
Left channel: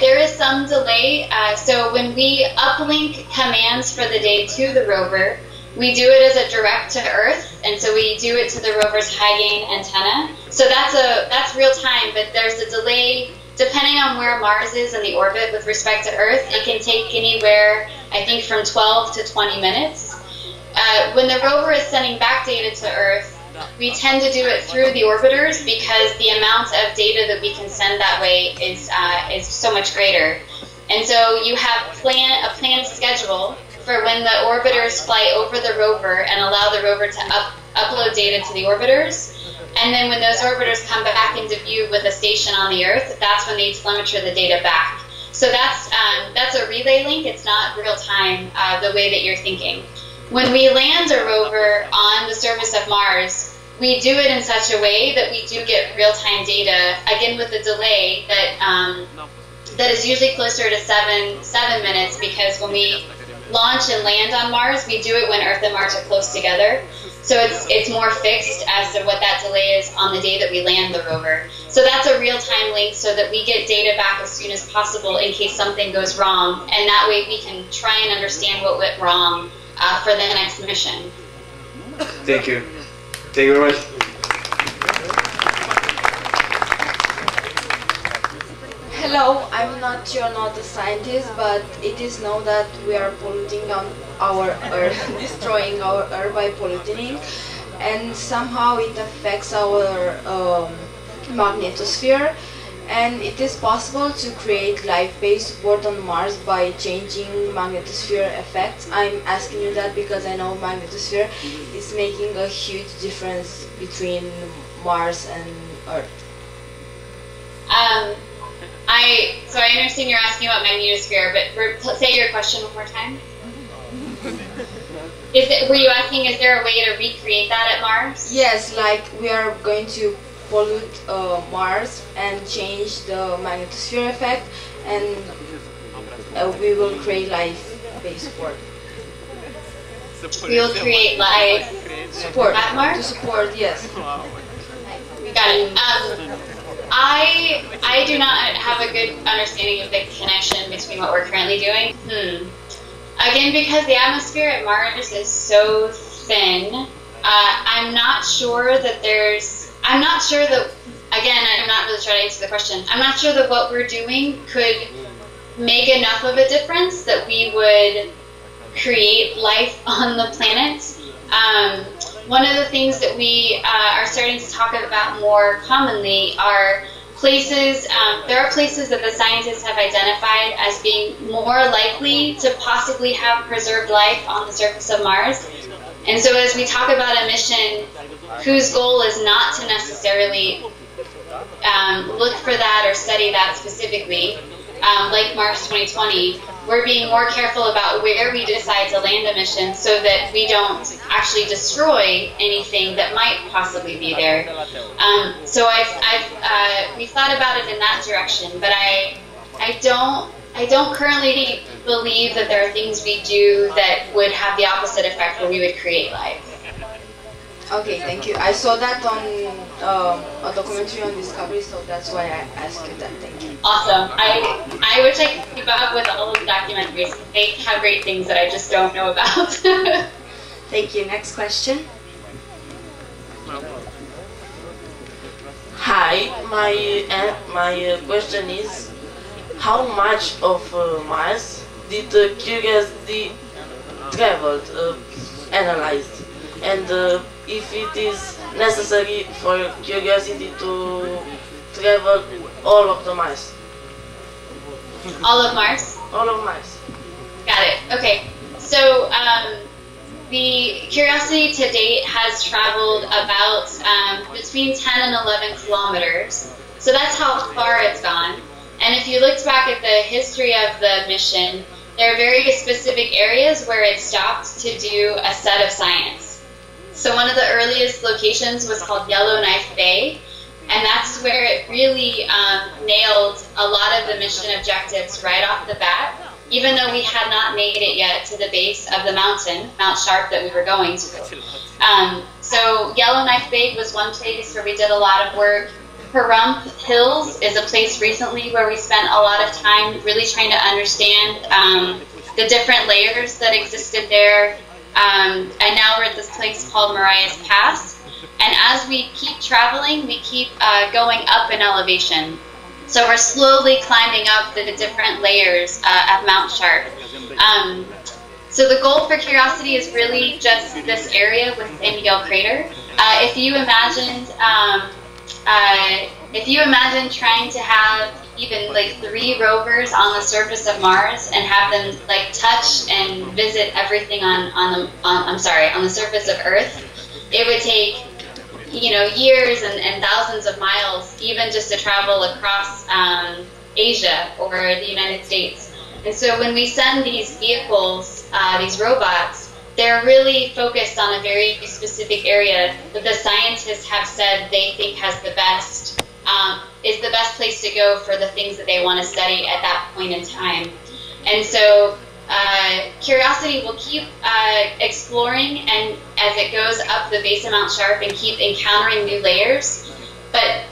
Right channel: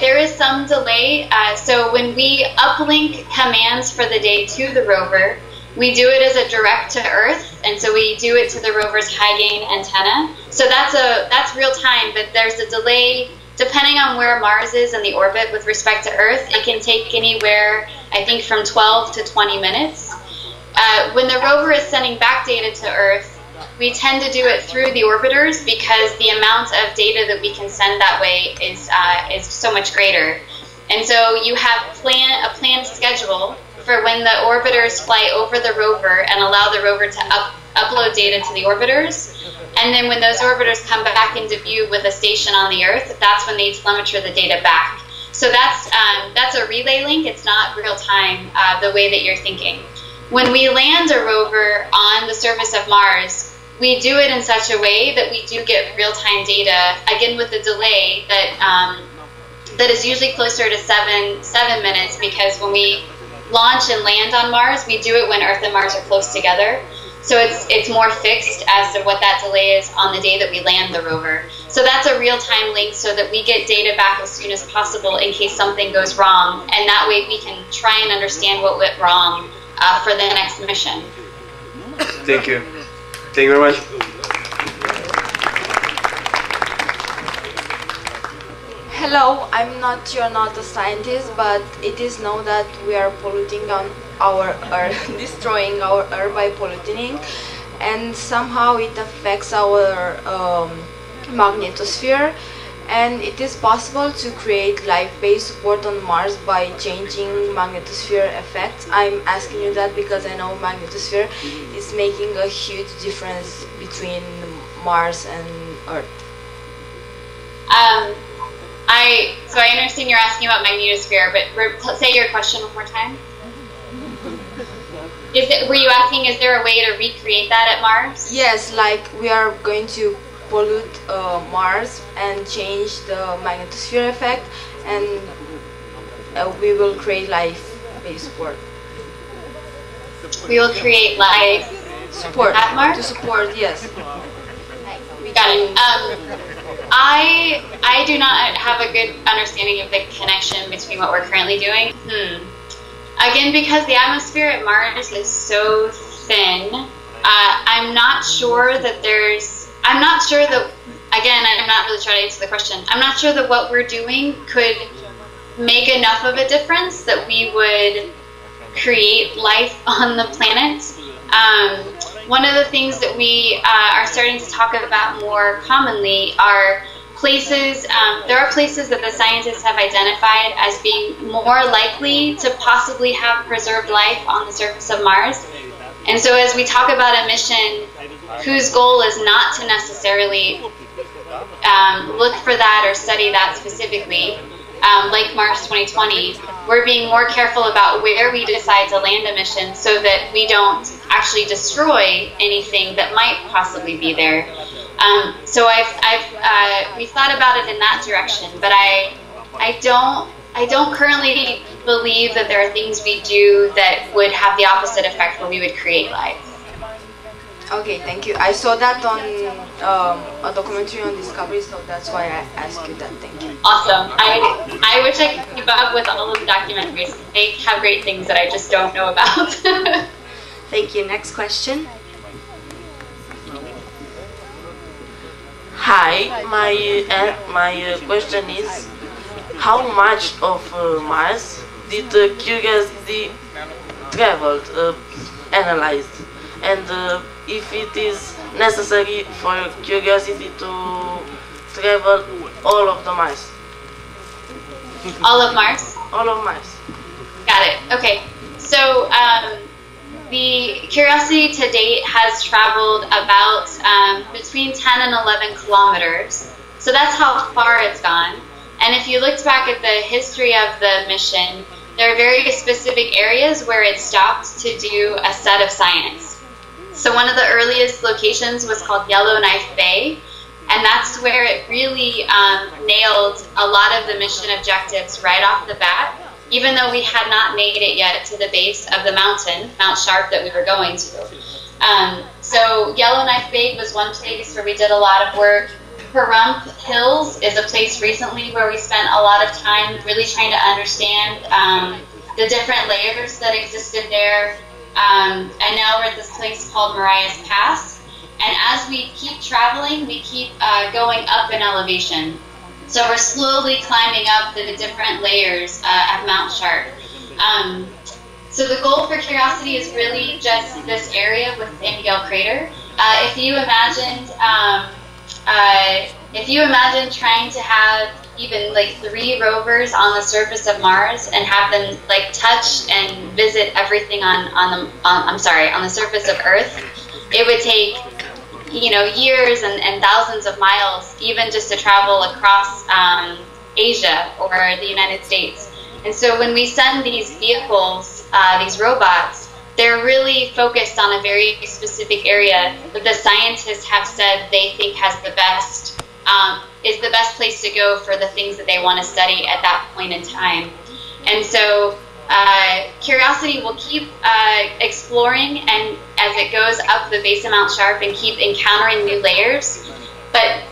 There is some delay. So when we uplink commands for the day to the rover, we do it as a direct to Earth, and so we do it to the rover's high-gain antenna. So that's real time, but there's a delay. Depending on where Mars is in the orbit with respect to Earth, it can take anywhere, I think, from 12 to 20 minutes. When the rover is sending back data to Earth, we tend to do it through the orbiters because the amount of data that we can send that way is so much greater. And so you have a planned schedule for when the orbiters fly over the rover and allow the rover to upload data to the orbiters. And then when those orbiters come back into view with a station on the Earth, that's when they telemetry the data back. So that's a relay link. It's not real time the way that you're thinking. When we land a rover on the surface of Mars, we do it in such a way that we do get real-time data, again with a delay that is usually closer to seven minutes, because when we launch and land on Mars, we do it when Earth and Mars are close together. So it's more fixed as to what that delay is on the day that we land the rover. So that's a real-time link so that we get data back as soon as possible in case something goes wrong, and that way we can try and understand what went wrong for the next mission. Thank you. Thank you very much. Hello, you're not a scientist, but it is known that we are polluting on our Earth, destroying our Earth by polluting, and somehow it affects our magnetosphere. And it is possible to create life-based support on Mars by changing magnetosphere effects. I'm asking you that because I know magnetosphere is making a huge difference between Mars and Earth. So I understand you're asking about magnetosphere, but say your question one more time. Were you asking, is there a way to recreate that at Mars? Yes, like we are going to pollute Mars and change the magnetosphere effect, and we will create life-based support. We will create life support at Mars? To support, yes. Got it. I do not have a good understanding of the connection between what we're currently doing. Again, because the atmosphere at Mars is so thin, I'm not sure that I'm not really trying to answer the question. I'm not sure that what we're doing could make enough of a difference that we would create life on the planet. One of the things that we are starting to talk about more commonly are places, there are places that the scientists have identified as being more likely to possibly have preserved life on the surface of Mars. And so as we talk about a mission whose goal is not to necessarily look for that or study that specifically, like Mars 2020, we're being more careful about where we decide to land a mission so that we don't actually destroy anything that might possibly be there. So we've thought about it in that direction, but I don't currently believe that there are things we do that would have the opposite effect where we would create life. Okay, thank you. I saw that on a documentary on Discovery, so that's why I asked you that. Thank you. Awesome. I wish I could keep up with all of the documentaries. They have great things that I just don't know about. Thank you. Next question. Hi, my question is, how much of Mars did Curiosity traveled, analyzed, and if it is necessary for Curiosity to travel all of the Mars? All of Mars? All of Mars. Got it. Okay. So the Curiosity to date has traveled about between 10 and 11 kilometers. So that's how far it's gone. And if you looked back at the history of the mission, there are very specific areas where it stopped to do a set of science. So one of the earliest locations was called Yellowknife Bay, and that's where it really nailed a lot of the mission objectives right off the bat, even though we had not made it yet to the base of the mountain, Mount Sharp, that we were going to. So Yellowknife Bay was one place where we did a lot of work. Pahrump Hills is a place recently where we spent a lot of time really trying to understand the different layers that existed there. And now we're at this place called Marias Pass. And as we keep traveling, we keep going up in elevation. So we're slowly climbing up the different layers at Mount Sharp. So the goal for Curiosity is really just this area within Gale Crater. if you imagine trying to have even like 3 rovers on the surface of Mars and have them like touch and visit everything on the surface of Earth, it would take, you know, years and thousands of miles even just to travel across Asia or the United States. And so when we send these vehicles, these robots, they're really focused on a very specific area that the scientists have said they think has the best, is the best place to go for the things that they want to study at that point in time. And so Curiosity will keep exploring, and as it goes up the base of Mount Sharp, and keep encountering new layers. But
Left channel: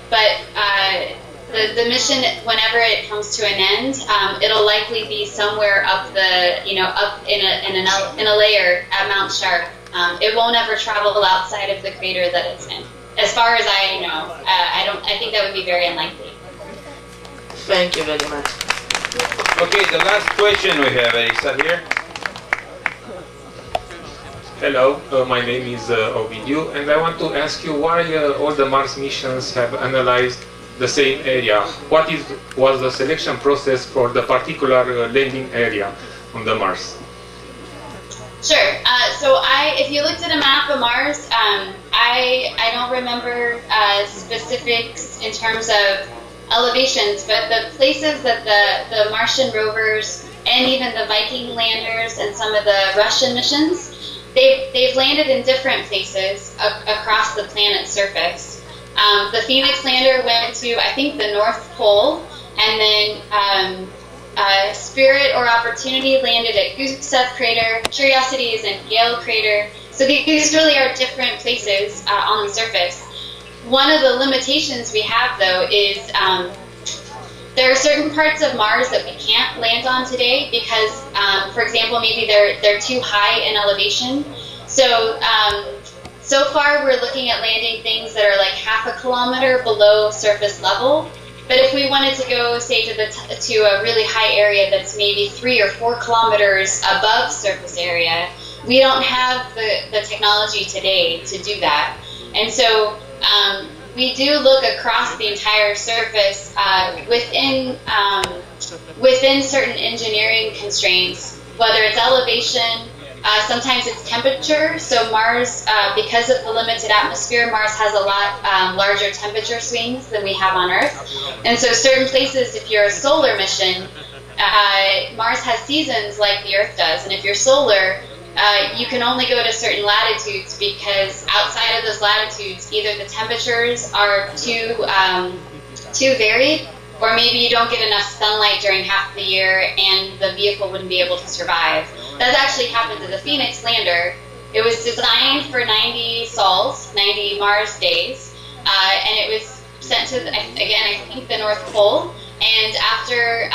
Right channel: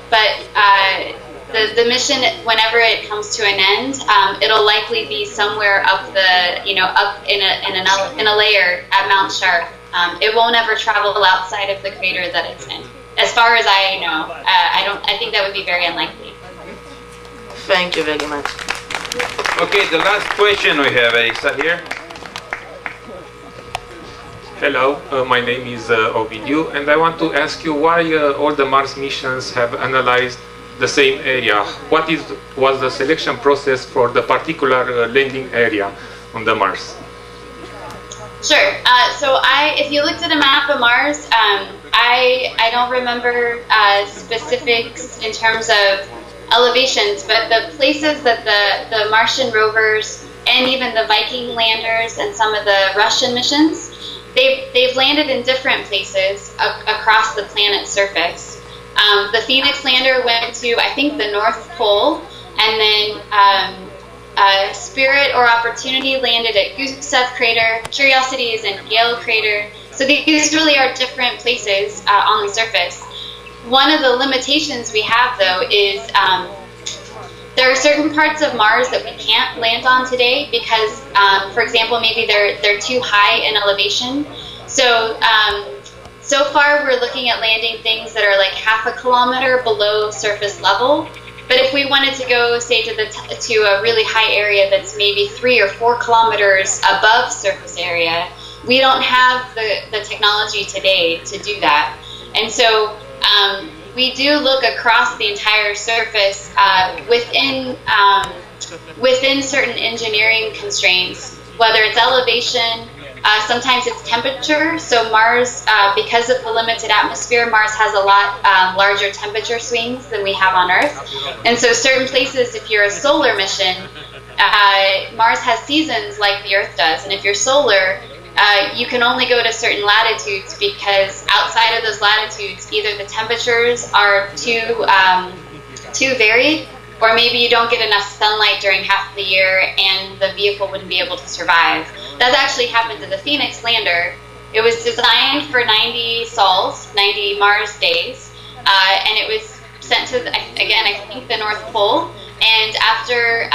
the mission, whenever it comes to an end, it'll likely be somewhere up the, up in a layer at Mount Sharp. It won't ever travel outside of the crater that it's in, as far as I know. I think that would be very unlikely. Thank you very much. Okay, the last question we have, Erisa, here. Hello, my name is Ovidiu, and I want to ask you why all the Mars missions have analyzed the same area. What was the selection process for the particular landing area on the Mars? Sure. So if you looked at a map of Mars, I don't remember specifics in terms of elevations, but the places that the Martian rovers and even the Viking landers and some of the Russian missions, they've landed in different places across the planet's surface. The Phoenix lander went to, I think, the North Pole, and then Spirit or Opportunity landed at Gusev Crater. Curiosity is in Gale Crater. So these really are different places on the surface. One of the limitations we have, though, is there are certain parts of Mars that we can't land on today because, for example, maybe they're too high in elevation. So so far we're looking at landing things that are like half a kilometer below surface level. But if we wanted to go, say, to a really high area that's maybe 3 or 4 kilometers above surface area, we don't have the technology today to do that. And so we do look across the entire surface within certain engineering constraints, whether it's elevation, sometimes it's temperature. So Mars, because of the limited atmosphere, Mars has a lot larger temperature swings than we have on Earth. And so certain places, if you're a solar mission, Mars has seasons like the Earth does. And if you're solar, you can only go to certain latitudes because outside of those latitudes, either the temperatures are too varied, or maybe you don't get enough sunlight during half the year and the vehicle wouldn't be able to survive. That actually happened to the Phoenix lander. It was designed for 90 sols, 90 Mars days, and it was sent to, again, I think the North Pole. And after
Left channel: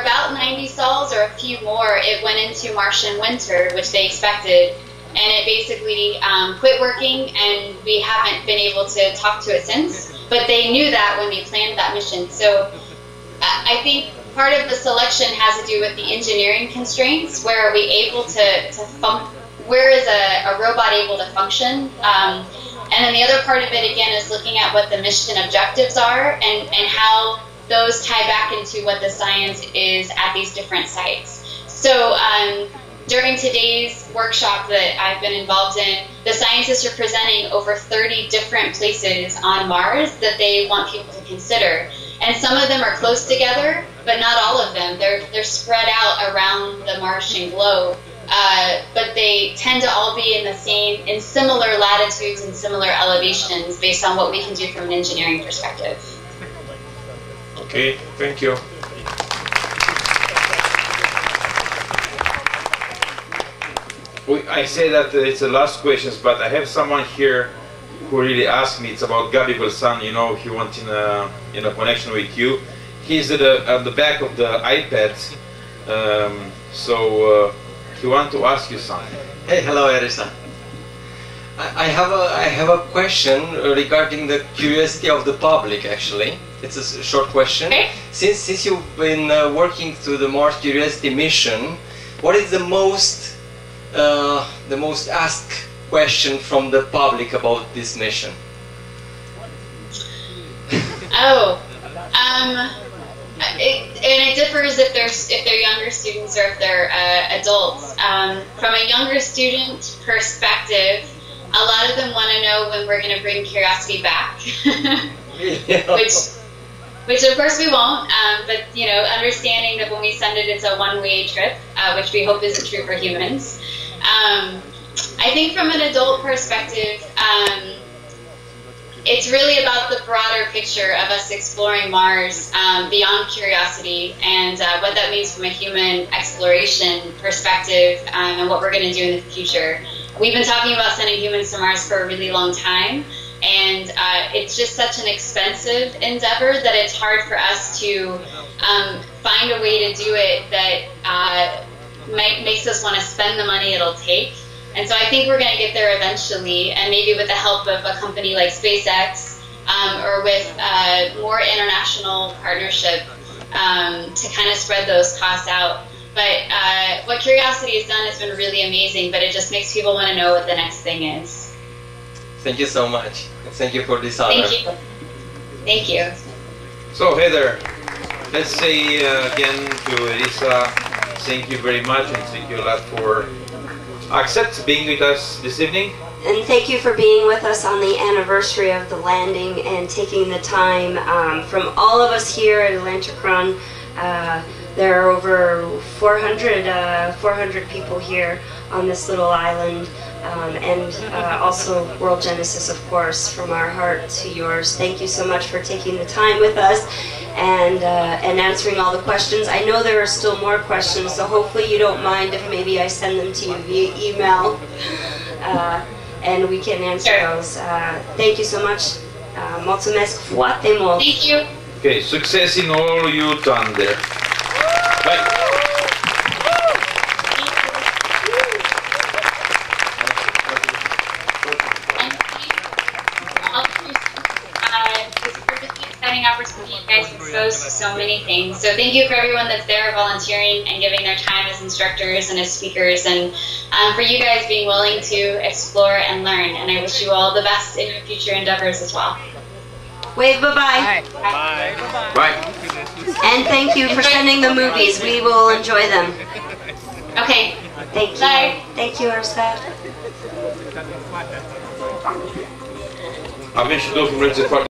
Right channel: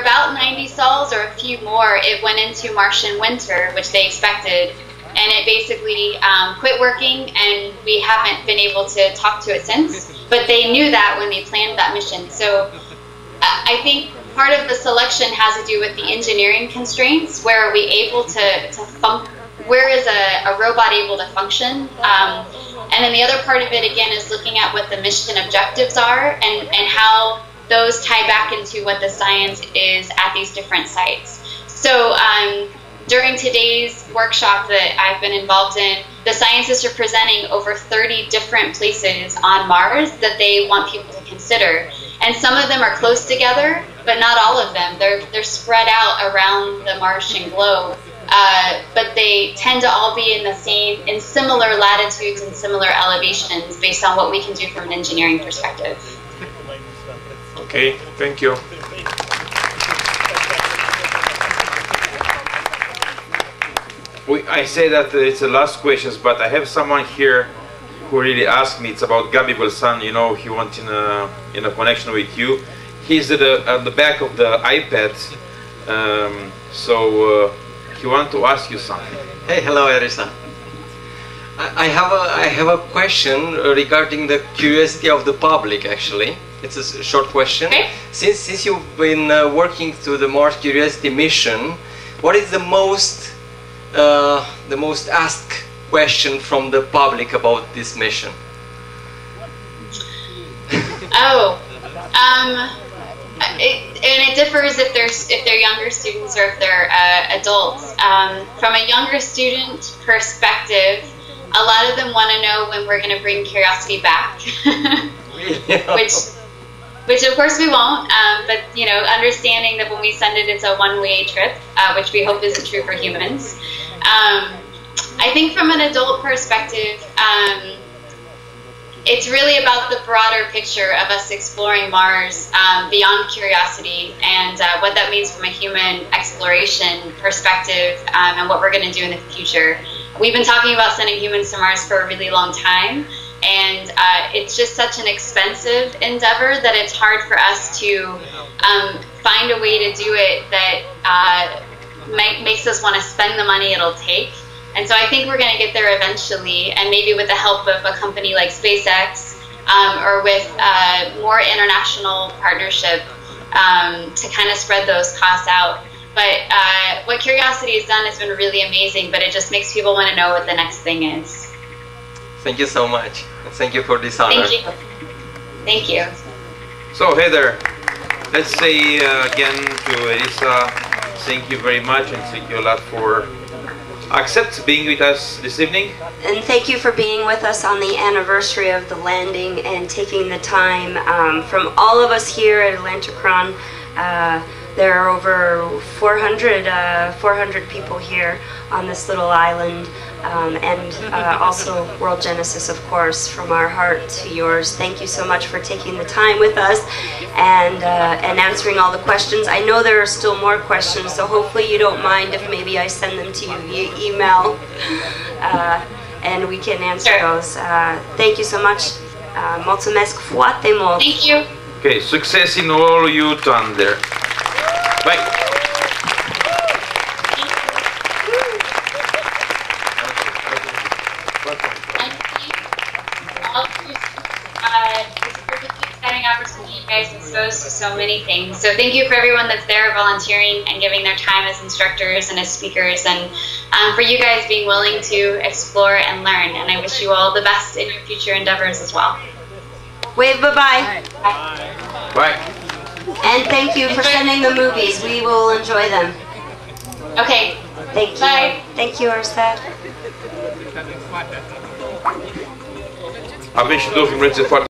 about 90 sols or a few more, it went into Martian winter, which they expected, and it basically quit working, and we haven't been able to talk to it since. But they knew that when they planned that mission. So I think part of the selection has to do with the engineering constraints. Where are we able where is a robot able to function? And then the other part of it, again, is looking at what the mission objectives are and how those tie back into what the science is at these different sites. So during today's workshop that I've been involved in, the scientists are presenting over 30 different places on Mars that they want people to consider. And some of them are close together, but not all of them. They're spread out around the Martian globe. But they tend to all be in similar latitudes and similar elevations based on what we can do from an engineering perspective. Okay, thank you. I say that it's the last questions, but I have someone here who really asked me. It's about Gabi Belsan. He wants in a connection with you. He's at the back of the iPad, so he wants to ask you something. Hey, hello, Erisa. I have a question regarding the curiosity of the public. Actually, it's a short question. Okay. Since you've been working to the Mars Curiosity mission, what is the most asked question from the public about this mission? Oh, it differs if they're younger students or if they're adults. From a younger student perspective, a lot of them want to know when we're going to bring Curiosity back, which of course we won't. But you know, understanding that when we send it, it's a one-way trip, which we hope isn't true for humans. I think from an adult perspective, it's really about the broader picture of us exploring Mars beyond Curiosity and what that means from a human exploration perspective and what we're going to do in the future. We've been talking about sending humans to Mars for a really long time, and it's just such an expensive endeavor that it's hard for us to find a way to do it that makes us want to spend the money it'll take. And so I think we're going to get there eventually, and maybe with the help of a company like SpaceX or with more international partnership to kind of spread those costs out. But what Curiosity has done has been really amazing, but it just makes people want to know what the next thing is. Thank you so much. Thank you for this honor. Thank you. Thank you. So Heather, let's say again to Erisa, thank you very much, and thank you a lot for being with us this evening. And thank you for being with us on the anniversary of the landing and taking the time. From all of us here at Atlantykron, there are over 400 people here on this little island, and also World Genesis, of course, from our heart to yours. Thank you so much for taking the time with us and answering all the questions. I know there are still more questions, so hopefully you don't mind if maybe I send them to you via email, and we can answer those. Thank you so much. Mulțumesc foarte mult. Thank you. Okay, success in all you've done there. Bye. Opportunity, you guys exposed to so many things. So thank you for everyone that's there volunteering and giving their time as instructors and as speakers, and for you guys being willing to explore and learn. And I wish you all the best in your future endeavors as well. Wave bye-bye. Bye. Bye. And thank you for sending the movies. We will enjoy them. Okay. Thank you. Bye. Thank you, Erisa. Avem și două filmulețe foarte